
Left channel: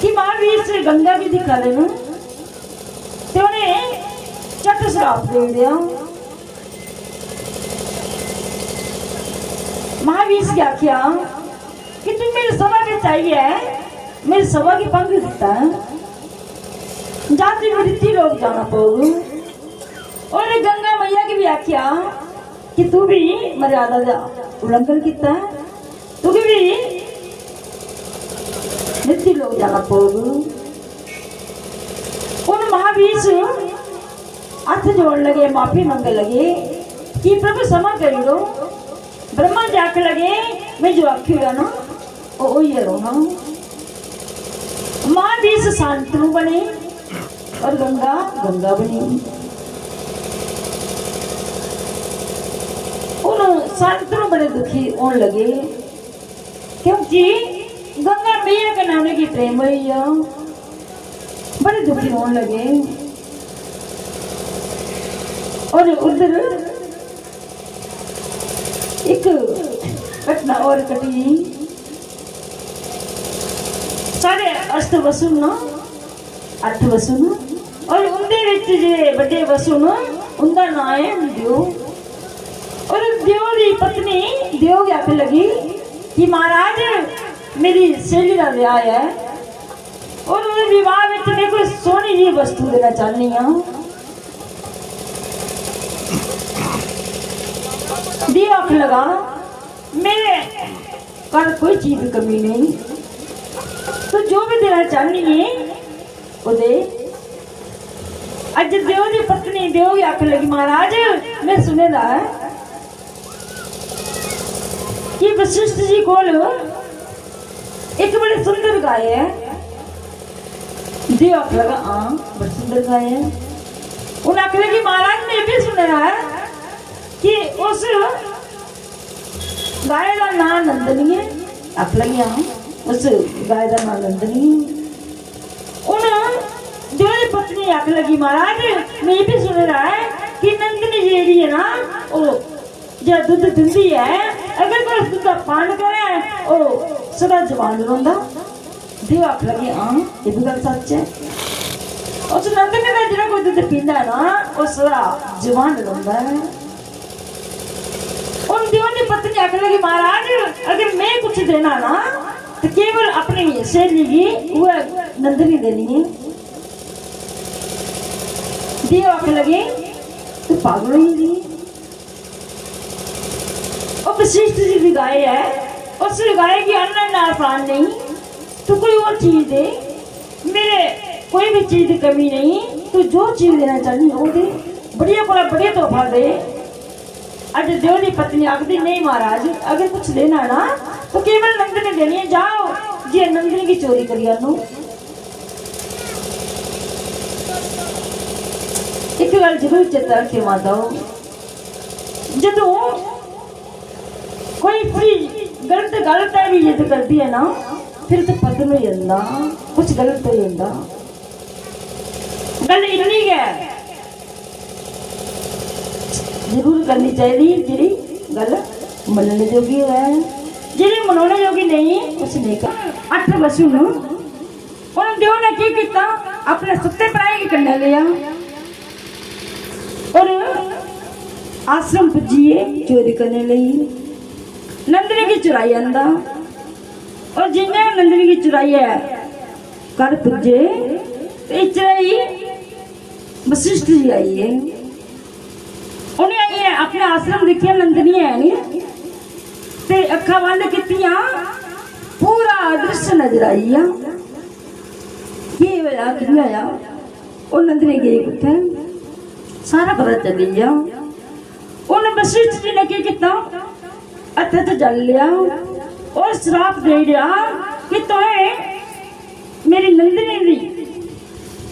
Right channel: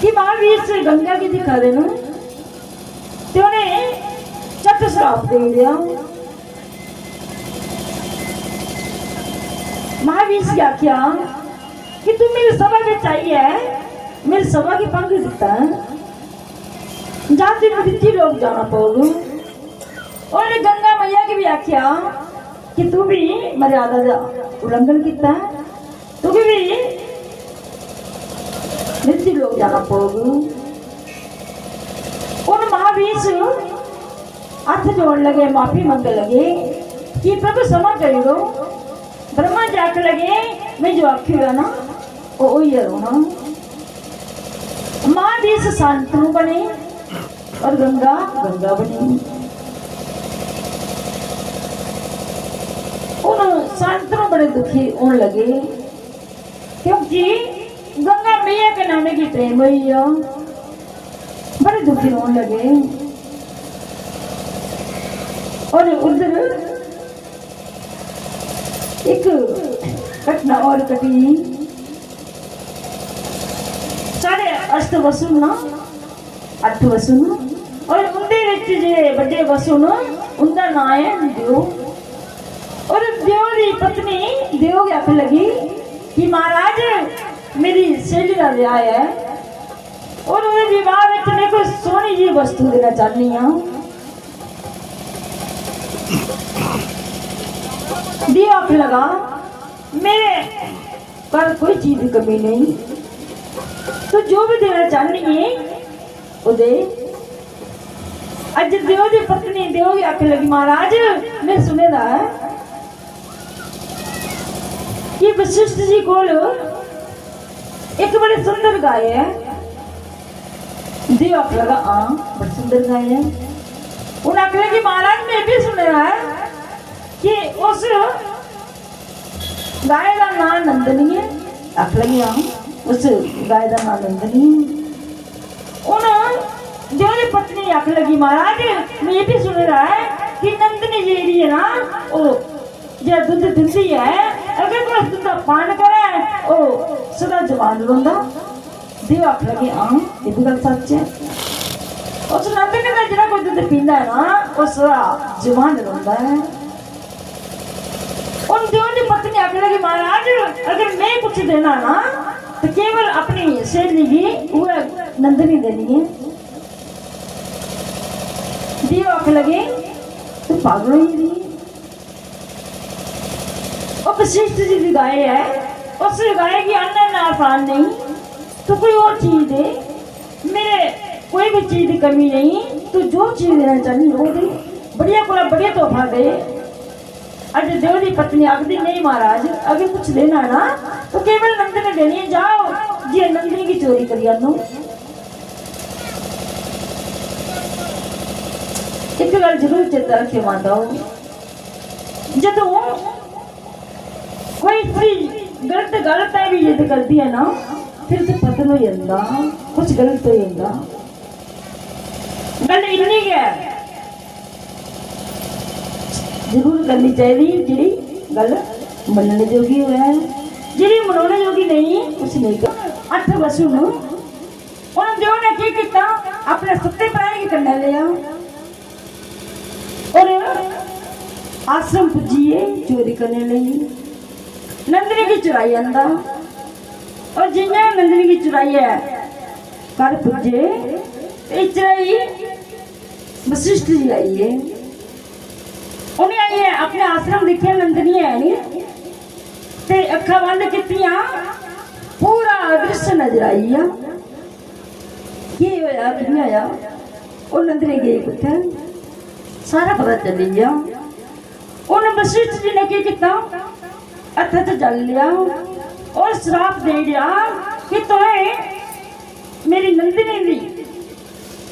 कि महावीर से गंगा की दिखा रहे ना तो उन्हें चट श्राप दे दिया। महावीर से क्या किया कि तुम मेरी सभा में चाहिए मेरी सभा की पंख दिखता है जाति वृत्ति लोग जाना पड़ोगे और गंगा मैया की भी आख्या कि तू भी मर्यादा का उल्लंघन किया है तू भी वृत्ति लोग जाना पड़ोगे। उन महावीर हाथ जोड़ लगे माफी मांगने लगे कि प्रभु क्षमा कर दो। ब्रह्मा जाके लगे मैं जो आखी हुआ ना वो वही रोना। महावीर शांतनु बने और गंगा गंगा बनी। उन शांतनु बड़े दुखी होने लगे क्योंकि गंगा मैया के नाम की प्रेम हुई है बड़े दुखी होने लगे। और उधर एक घटना और घटी साढ़े अष्ट वसु ना अठ वसु और उनके बड़े वसु उनका नाम है देव और देव की पत्नी देव की आख लगी कि महाराज मेरी सहेली का विआह है और उन्हें विवाह में देखो सोनी जी वस्तु देना चाहनी हूँ। देव आख लगा मेरे पर कोई चीज की कमी नहीं तो जो भी देना चाहनी है वो दे। अज देव की पत्नी देव की आख लगी महाराज मैं सुने दा है कि वशिष्ठ जी को एक बड़ी सुंदर गाय है। देव आख लगा हाँ बड़ी सुंदर गाय है। उन्हें आख लगी महाराज मैं भी सुने दा है कि उस गाय का नाम नंदनी है। आख लगी हाँ उस गाय का नाम नंदनी है। उन देव की पत्नी आख लगी महाराज मैं भी सुन रहा है कि नंदनी जी है ना वो जो दूध दिंदी है अगर कोई दूध का पान करे वो सदा जवान रोंदा। देव आख लगी हाँ ये भी गल सच है। उस नंदनी का जो कोई दूध पींदा है ना वो सदा जवान रोंदा है। उन देव की पत्नी आख लगी महाराज अगर मैं कुछ देना ना तो केवल अपनी सहेली की वह नंदनी देनी है। देव आंख लगे तो पागल ही रही। और वशिष्ठ जी की गाय है, उस गाय की अन्न आसान नहीं, तो कोई और चीज दे, मेरे कोई भी चीज की कमी नहीं, तो जो चीज देना चाहिए वो दे, बढ़िया को बढ़िया तोहफा दे। अज देव की पत्नी आखती नहीं महाराज, अगर कुछ देना ना तो केवल नंदनी देनी है, जाओ जी नंदनी की चोरी करी आनो। एक गल जरूर चेता रखे माता, जदों कोई चीज गलत है भी जिद करती है ना, फिर तो पतन हो जाता, कुछ गलत हो जाता। गल इन्नी है जरूर करनी चाहिए जी गल मनने जोगी है, जी मनाने जोगी नहीं कुछ नहीं कर। 8 वसु देव ने की किया, अपने सत्ते प्राय के कन्या लिया और आश्रम पुजिए चोरी करने लगी। नंदनी की चुराई आंदा और जिन्हें नंदनी की चुराई है घर पुजे, चुराई वशिष्ठ जी आई है। उन्हें अपने आश्रम देखिया नंदनी है नहीं, ते अखा बंद कीतियां, पूरा दृश्य नजर आई आ। ये होया कि होया, वो नंदनी गई कुत्ते सारा पता चली गया। उन्हें वशिष्ठ जी ने की किया, हथ च जल लिया और श्राप दे दिया कि तुम्हें मेरी नंदिनी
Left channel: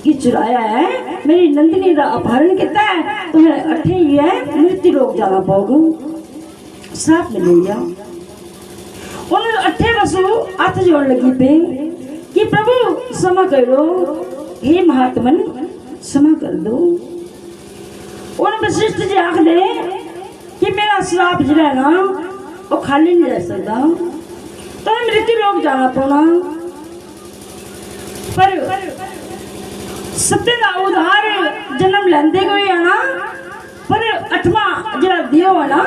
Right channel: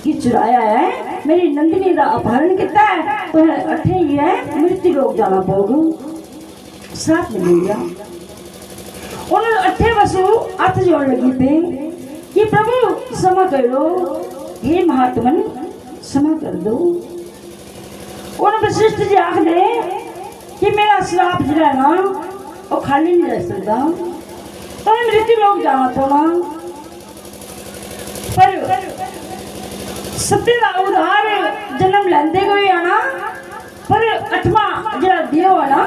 की चुराया है, मेरी नंदिनी का अपहरण किया है, तुम्हें अठे ही है मृत्यु लोक जाना पड़ेगा। श्राप मिल गया। उन्होंने 8 वसु हाथ जोड़ लगी थे कि प्रभु क्षमा कर दो, हे महात्मन क्षमा कर दो। उन्होंने वशिष्ठ जी आख दे कि मेरा श्राप जिला ना वो खाली नहीं रह सकता, तो मृत्यु लोक जाना पड़ा। पर सत्य का उधार जन्म लेंदे हुए आना, पर 8वां जरा देव है ना,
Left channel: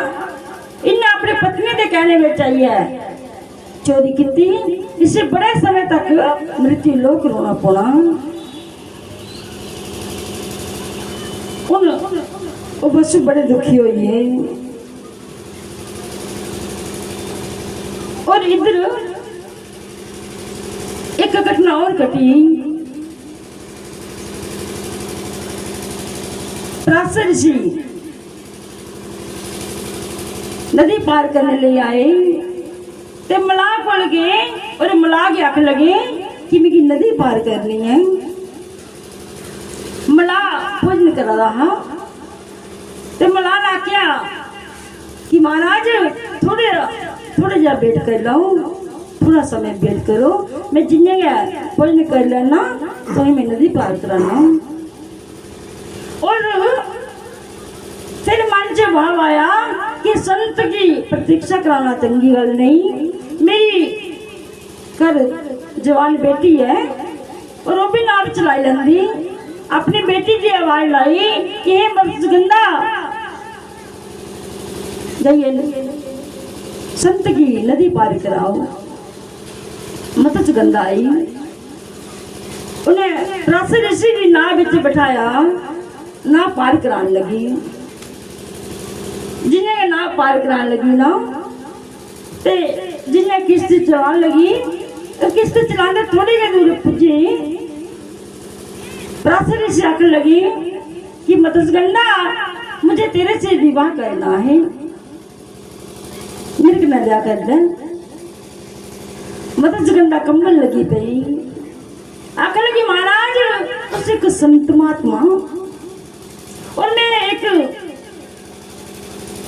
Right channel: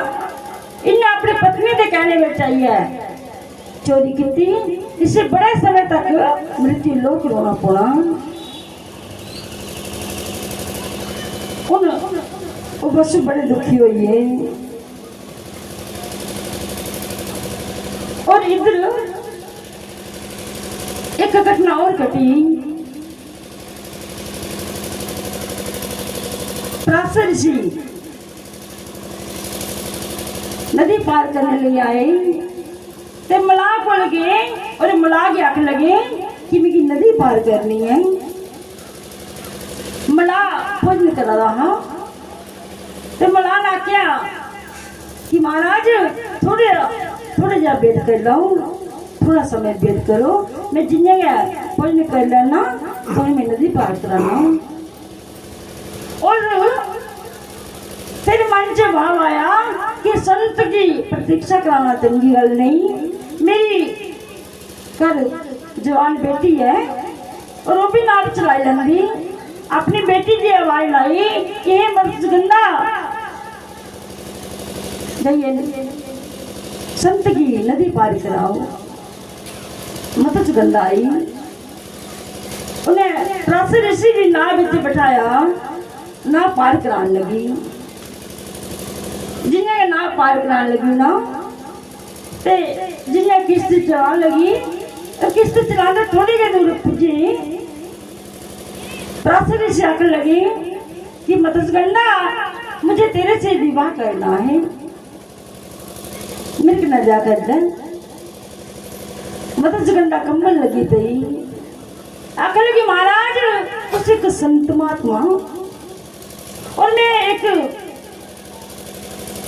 इन्हें अपनी पत्नी के कहने में चाहिए चोरी की, इसे बड़े समय तक मृत्यु लोक रोना पड़ा। वो वसु बड़े दुखी हुई है। और इधर एक घटना और घटी। पराशर ऋषि नदी पार करने ले आए, ते मलाह को लगे और मलाह के आख लगे कि मेरी नदी पार करनी है। मलाह भोजन करा रहा, ते मलाह ने आख्या कि महाराज थोड़े जा वेट कर लो, थोड़ा समय वेट करो, मैं जिन्हें भोजन कर लेना तो मैं नदी पार कराना। और फिर मन से भाव आया कि संत की प्रतीक्षा कराना चंगी गल नहीं, मेरी घर जवान बेटी है और वो भी नाव चलाई लेंदी। अपनी बेटी की आवाज लाई कि हे मत्स्यगंधा, जाइए संत की नदी पार कराओ। मत्स्यगंधा आई, उन्हें पराशर ऋषि की नाव विच बिठाया, नाव पार कराने लगी। जिन्हें नाव पार कराने लगी ना, ते जिन्हें किश्त चलाने लगी, तो किश्त चलाने थोड़ी के दूर पुजी। पराशर ऋषि आखने लगी कि मत्स्यगंधा, मुझे तेरे से विवाह करना है, मिर्ग न जा कर दे। मत्स्यगंधा कंबल लगी थी, आखने लगी महाराज उसे एक संत महात्मा और मैं एक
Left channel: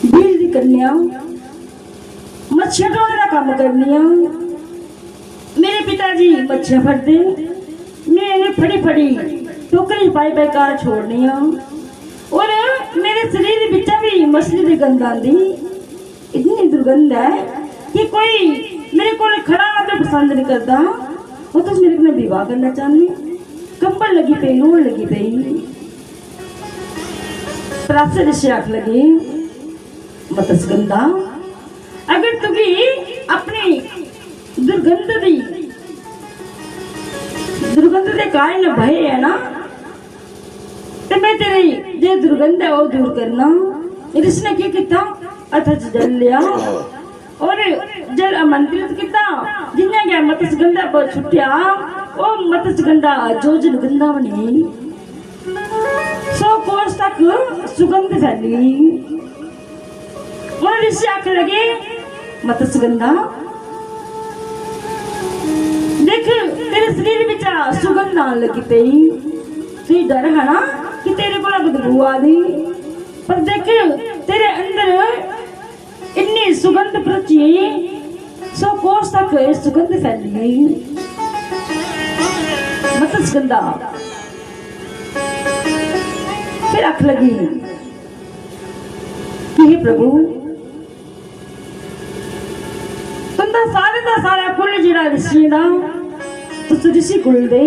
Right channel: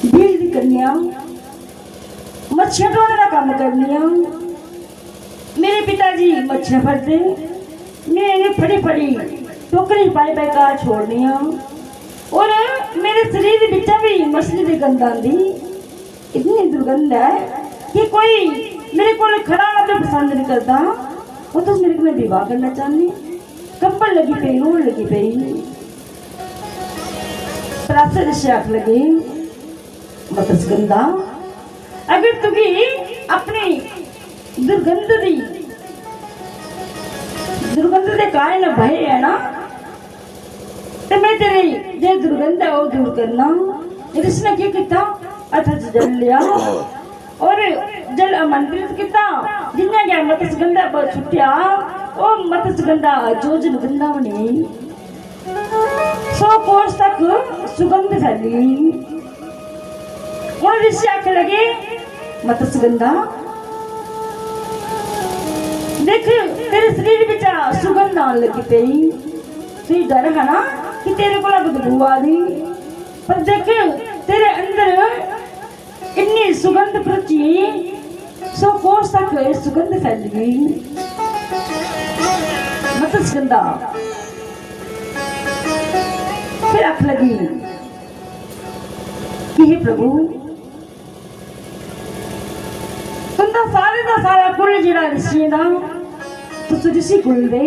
बीर की कन्या, मच्छियां ढोने का काम करनी है। मेरे पिताजी मच्छियां फड़ते, मैं इन्हें फड़ी टोकरी पाई कार छोड़नी है। और मेरे शरीर बिचा भी मछली की गंध आती, इतनी दुर्गंध है कि कोई मेरे को खड़ा होकर पसंद नहीं करता, वो तो मेरे को विवाह करना चाहनी। कंबल लगी पई, रोड लगी पई। पराशर ऋषि आख लगे मत्स्यगंधा, अगर तुझे अपनी दुर्गंध के कारण भय है ना, तो मैं तेरी जो दुर्गंध है वो दूर करना। इसने क्या किया, अथच जल लिया और जल आमंत्रित किया, जिन्हें क्या मत्स्यगंधा पर छुट्टिया, वो मत्स्यगंधा जो जन गंधा बनी 100 कोस तक सुगंध फैली। और ऋषि आके लगे मत्स्यगंधा देख तेरे शरीर में सुगंध आने लगी पई, तुझे डर है ना कि तेरे को बदबू आ गई, पर देख तेरे अंदर इतनी सुगंध प्रची 100 कोस तक सुगंध फैल गई। मत्स्यगंधा फिर आंख लगी कि हे प्रभु तुम दा सारा कुल जिहड़ा ऋषि दा तुस ऋषि कुल दे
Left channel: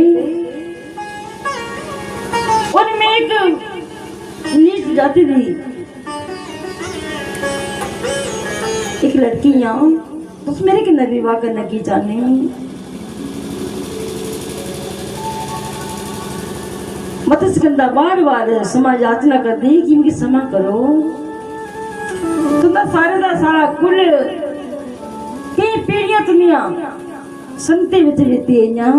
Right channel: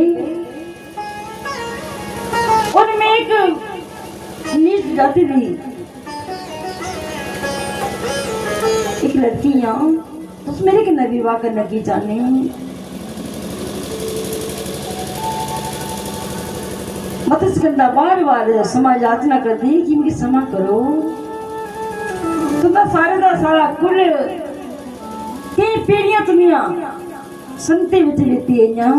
उनमें एक नीच जाति दी एक लड़कियां उस मेरे कन्नै विवाह करने की जाने। मत्स्यगंधा बार समाज याचना कर दी कि इनकी क्षमा करो, तुम सारा कुल कई पीढ़ियां दुनिया संते विच रहती है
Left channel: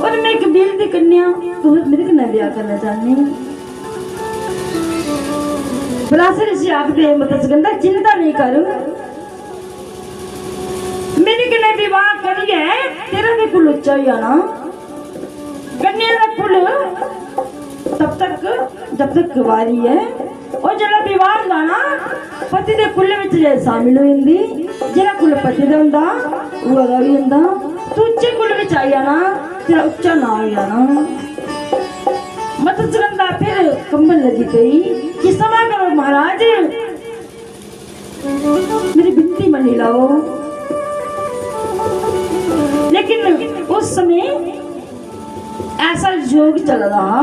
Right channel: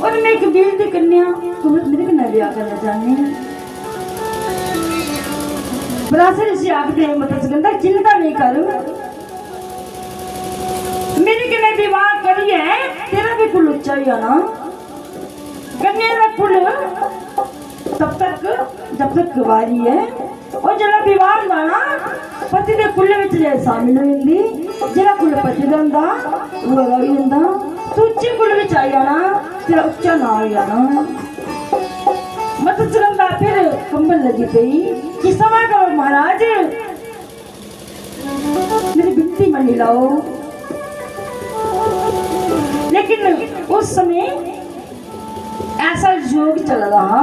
और मैं एक बील की कन्या तो मेरे कन्नै ब्याह करना चाहनी। बलासर से आखदे मत्स्यगंधा चिंता नहीं कर, मेरे कन्नै विवाह करिए तेरा भी कुल उच्चा हो जाना। कन्या का कुल जब तक कुवारी है और जरा विवाह गाना पति के कुल विच शामिल होंदी, जरा कुल पति दा हुंदा वो रही हुंदा, तू उच्चे कुल विच आ जाना, तेरा उच्चा ना हो जाना। मत्स्यगंधा फिर कंबन लगी पई कि क्षमा करो महाराज, मेरी बिनती मनी लो। लेकिन उस समय ऐसा योग चल रहा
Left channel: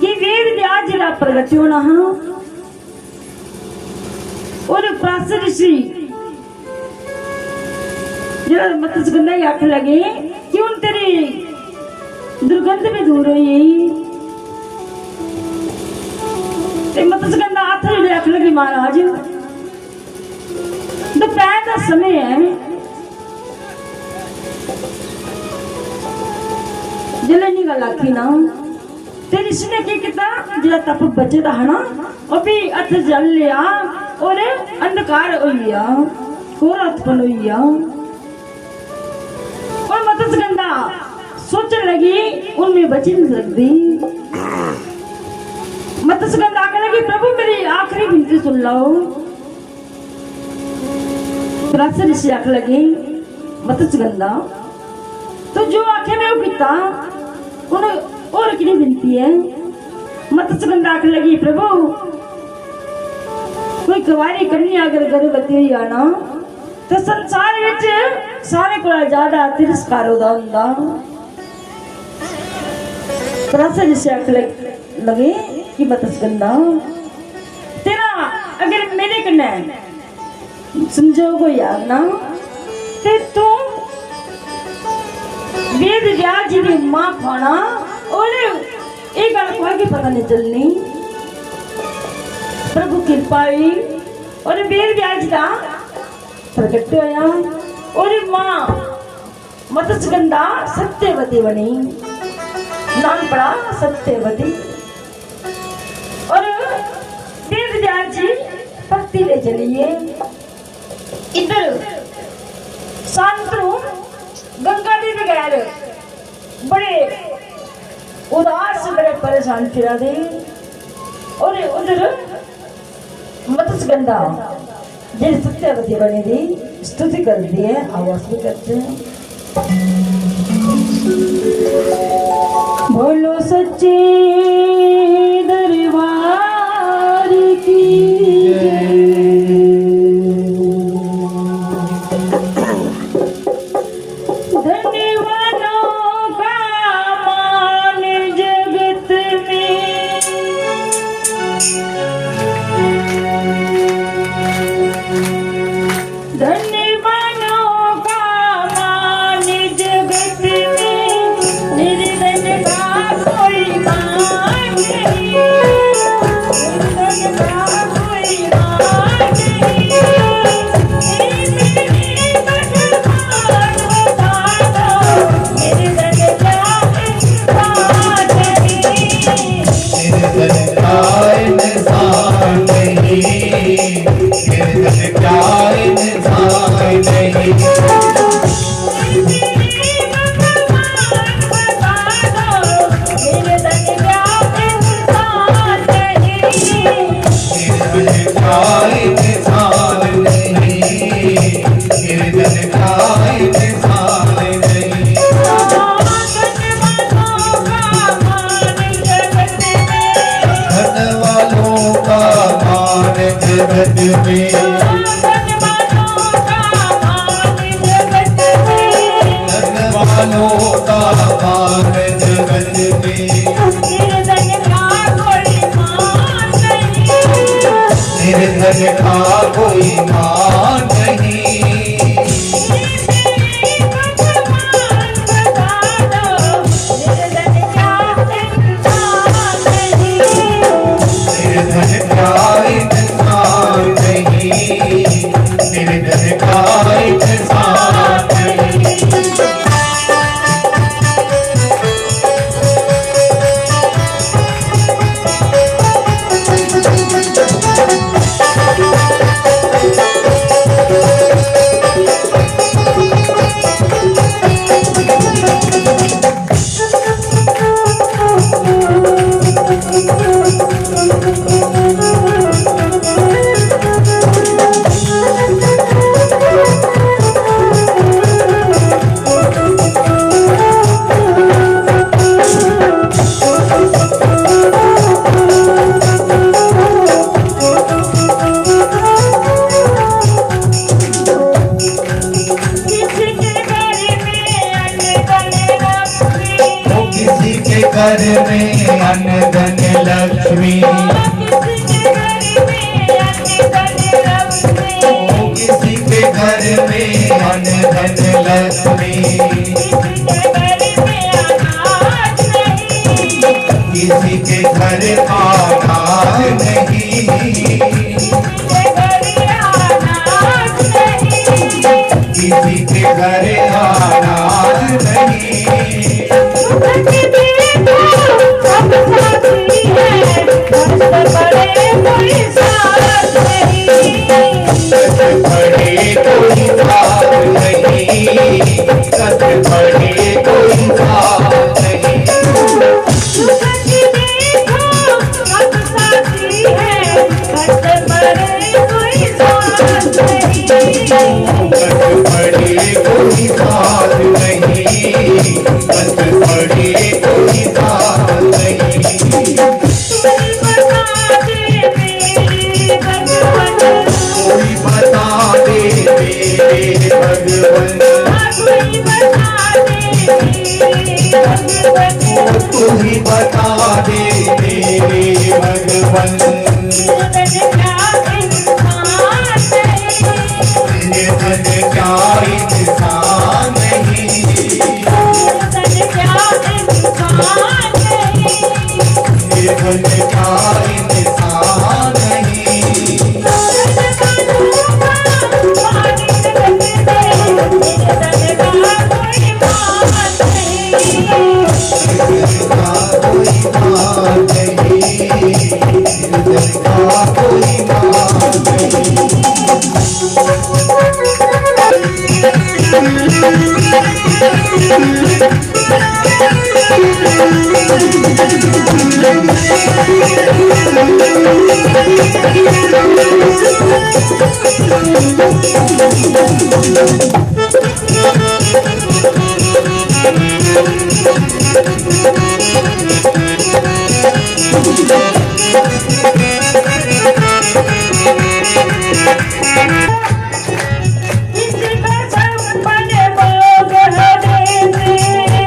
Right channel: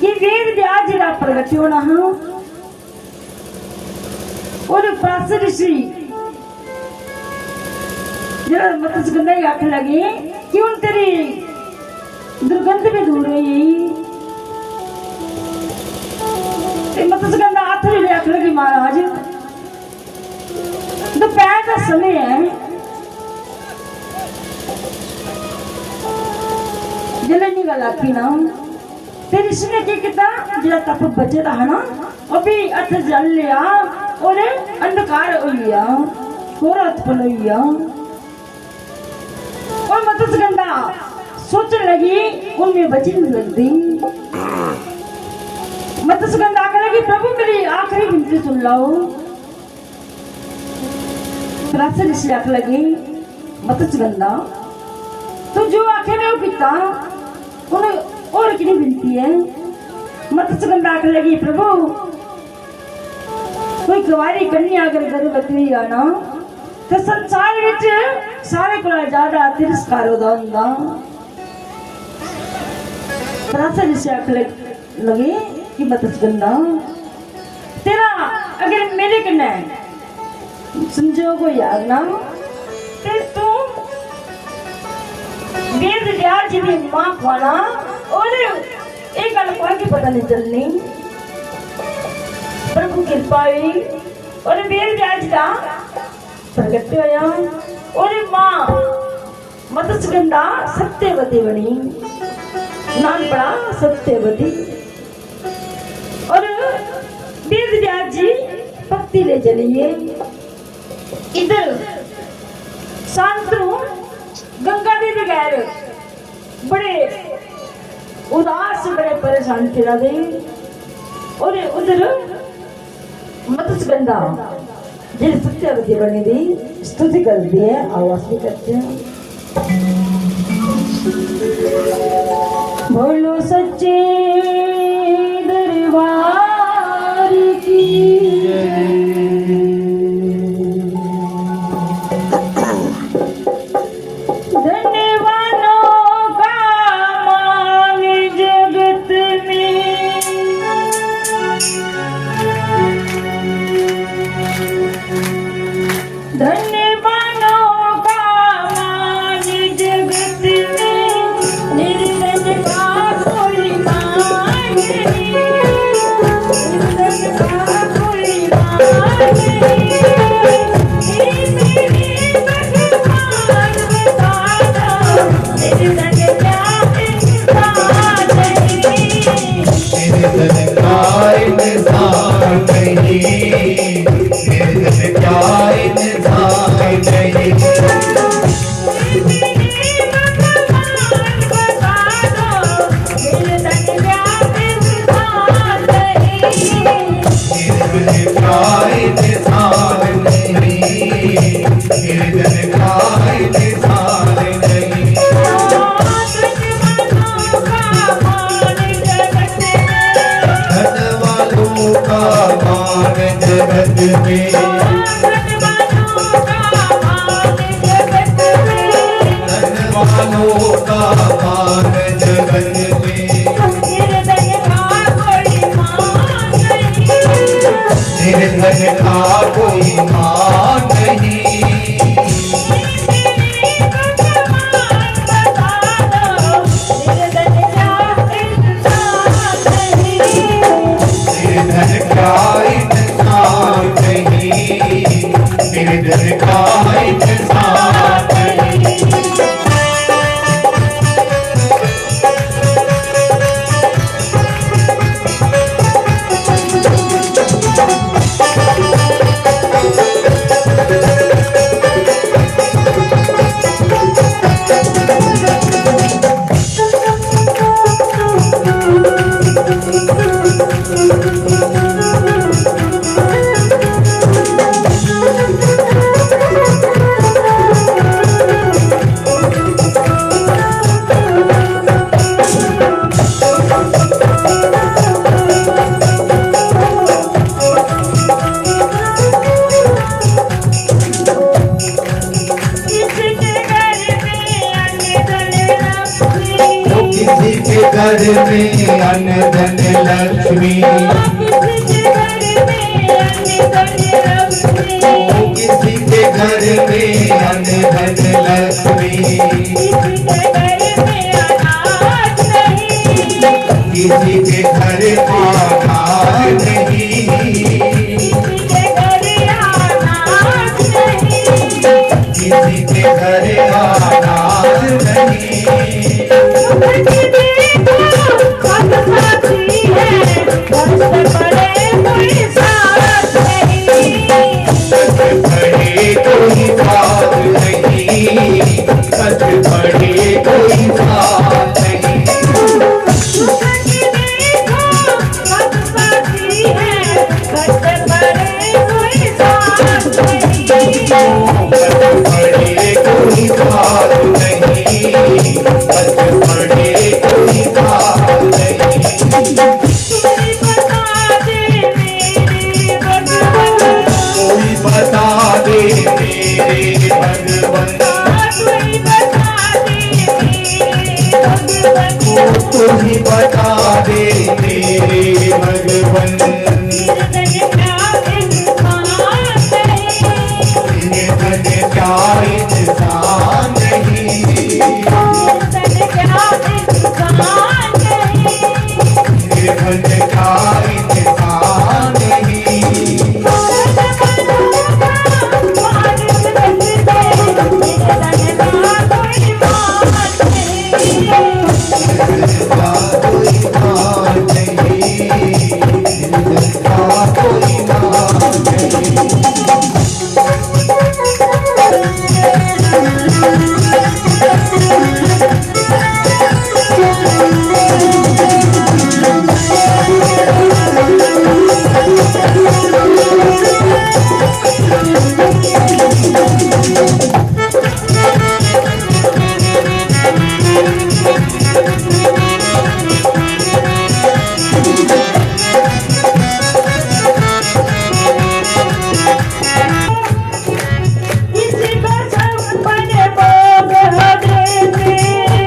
कि वेद व्यास जिला प्रगट होना और प्राचीन ऋषि जरा मत्स्यगंधा आख लगे कि उन तेरी दुर्गंध भी दूर हुई। मत्स्यगंधा हाथ में आख लगी महाराज दोपहर का समय है, जले नहीं गल आती ना, तेरी इसने क्या किया जरा तप बचे है ना अभी अर्थ जल लिया और अंधकार हो गया, कोरा उत्पन्न हो गया। और मत्स्यगंधा सोचने लगी उनमें बची नहीं लगती। मत्स्यगंधा आगे लगी प्रभु मेरी आखिरी विनती सुन लो। प्राचीन ऋषि आगे लगी मत्स्यगंधा तो जो आखे में वो पिता और की विनती है। मत्स्यगंधा आख लगी प्रभु कोई कुवारी कन्या अगर गर्भवती हुई आना तो संसार विच सारे को ज्यादा तिरस्कार होता। प्राचीन ऋषि आख लगे कि मत्स्यगंधा तेरा अगर मेरे कन्नै संजोग हो यार ना ते तू वेद व्यास जी की मां खाना और एक गल कोई की पता नहीं चलनी। प्रभु कृपा हुई और वेद व्यास का प्रगट होया और मां मत्स्यगंधा सत्यवती बनी, नाम पड़ा सत्यवती। और वेद व्यास जी भक्ति ले चलिए इधर शांतनु गंगा जी बगैर बड़े उदास बड़े परेशान फिरा दे और उधर मत्स्यगंधा जिस सत्यवती बनी थी स्तुति कर दी है, आवाज भी करते हैं बोलो सच्चे दरबार की धन्यवानों का घर में अन्न धन लक्ष्मी, किसी के घर में अन्न धन लक्ष्मी, किसी के घर अनाज नहीं, किसी के घर अनाज नहीं। बड़े कोई बात नहीं, कद बड़े कोई बात नहीं, कद बड़े कोई बात नहीं, कद बड़े कोई बात नहीं। कोई बता दे मेरे भगवन, तू ही बता दे मेरे भगवन, निर्धन क्या इंसान नहीं, निर्धन क्या इंसान नहीं।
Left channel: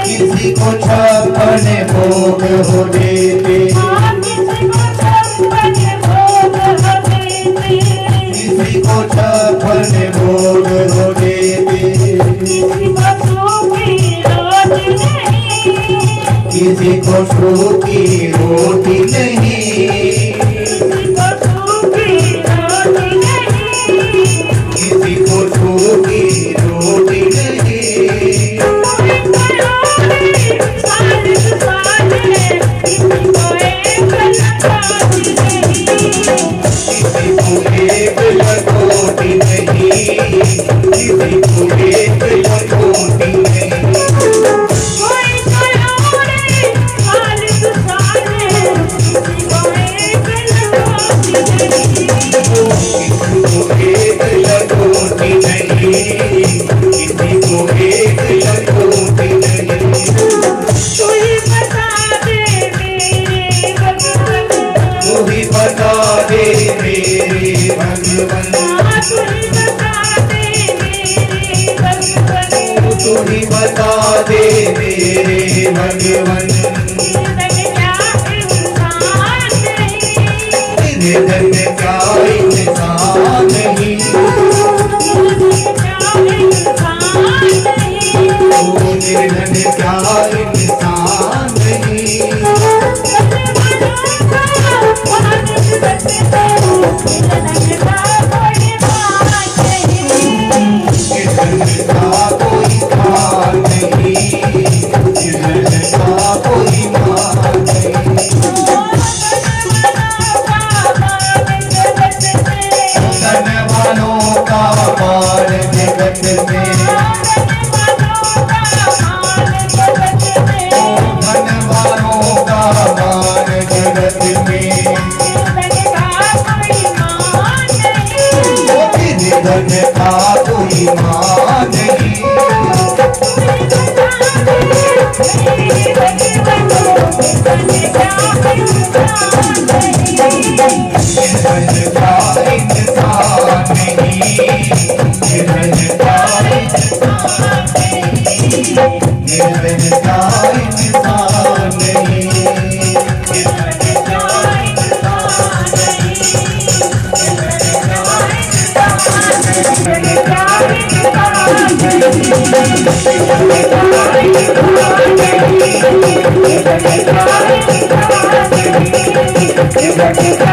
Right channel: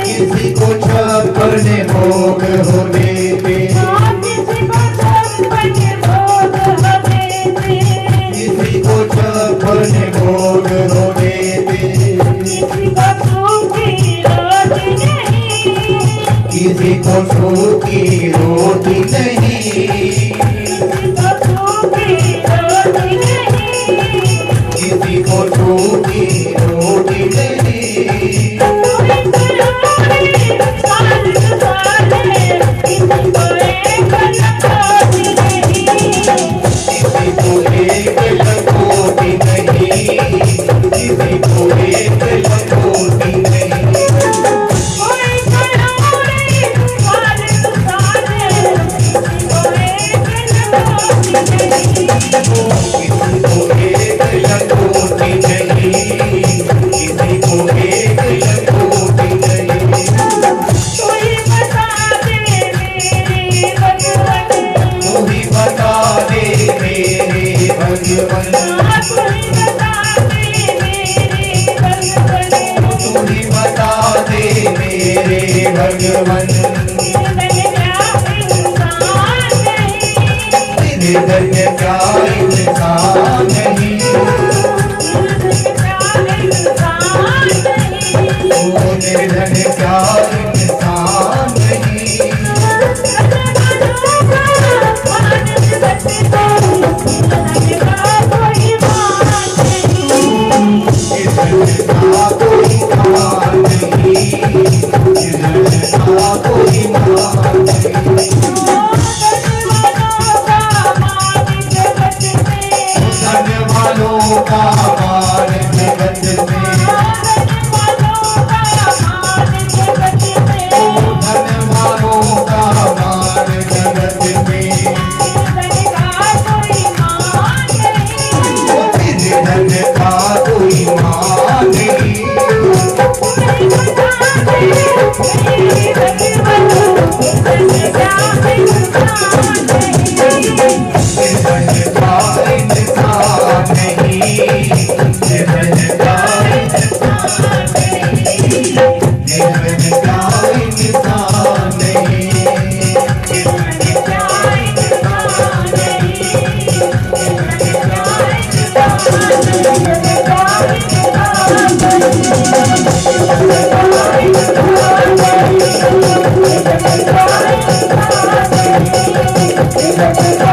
किसी को छप्पन भोग हो देते, किसी को छप्पन भोग हो देते, किसी को सूखी रोटी नहीं, किसी को सूखी रोटी नहीं, किसी को एक लंगोटी नहीं, किसी को एक लंगोटी नहीं। भगवन निर्धन क्या इंसान नहीं, ओ निर्धन क्या इंसान नहीं। नहीं जगत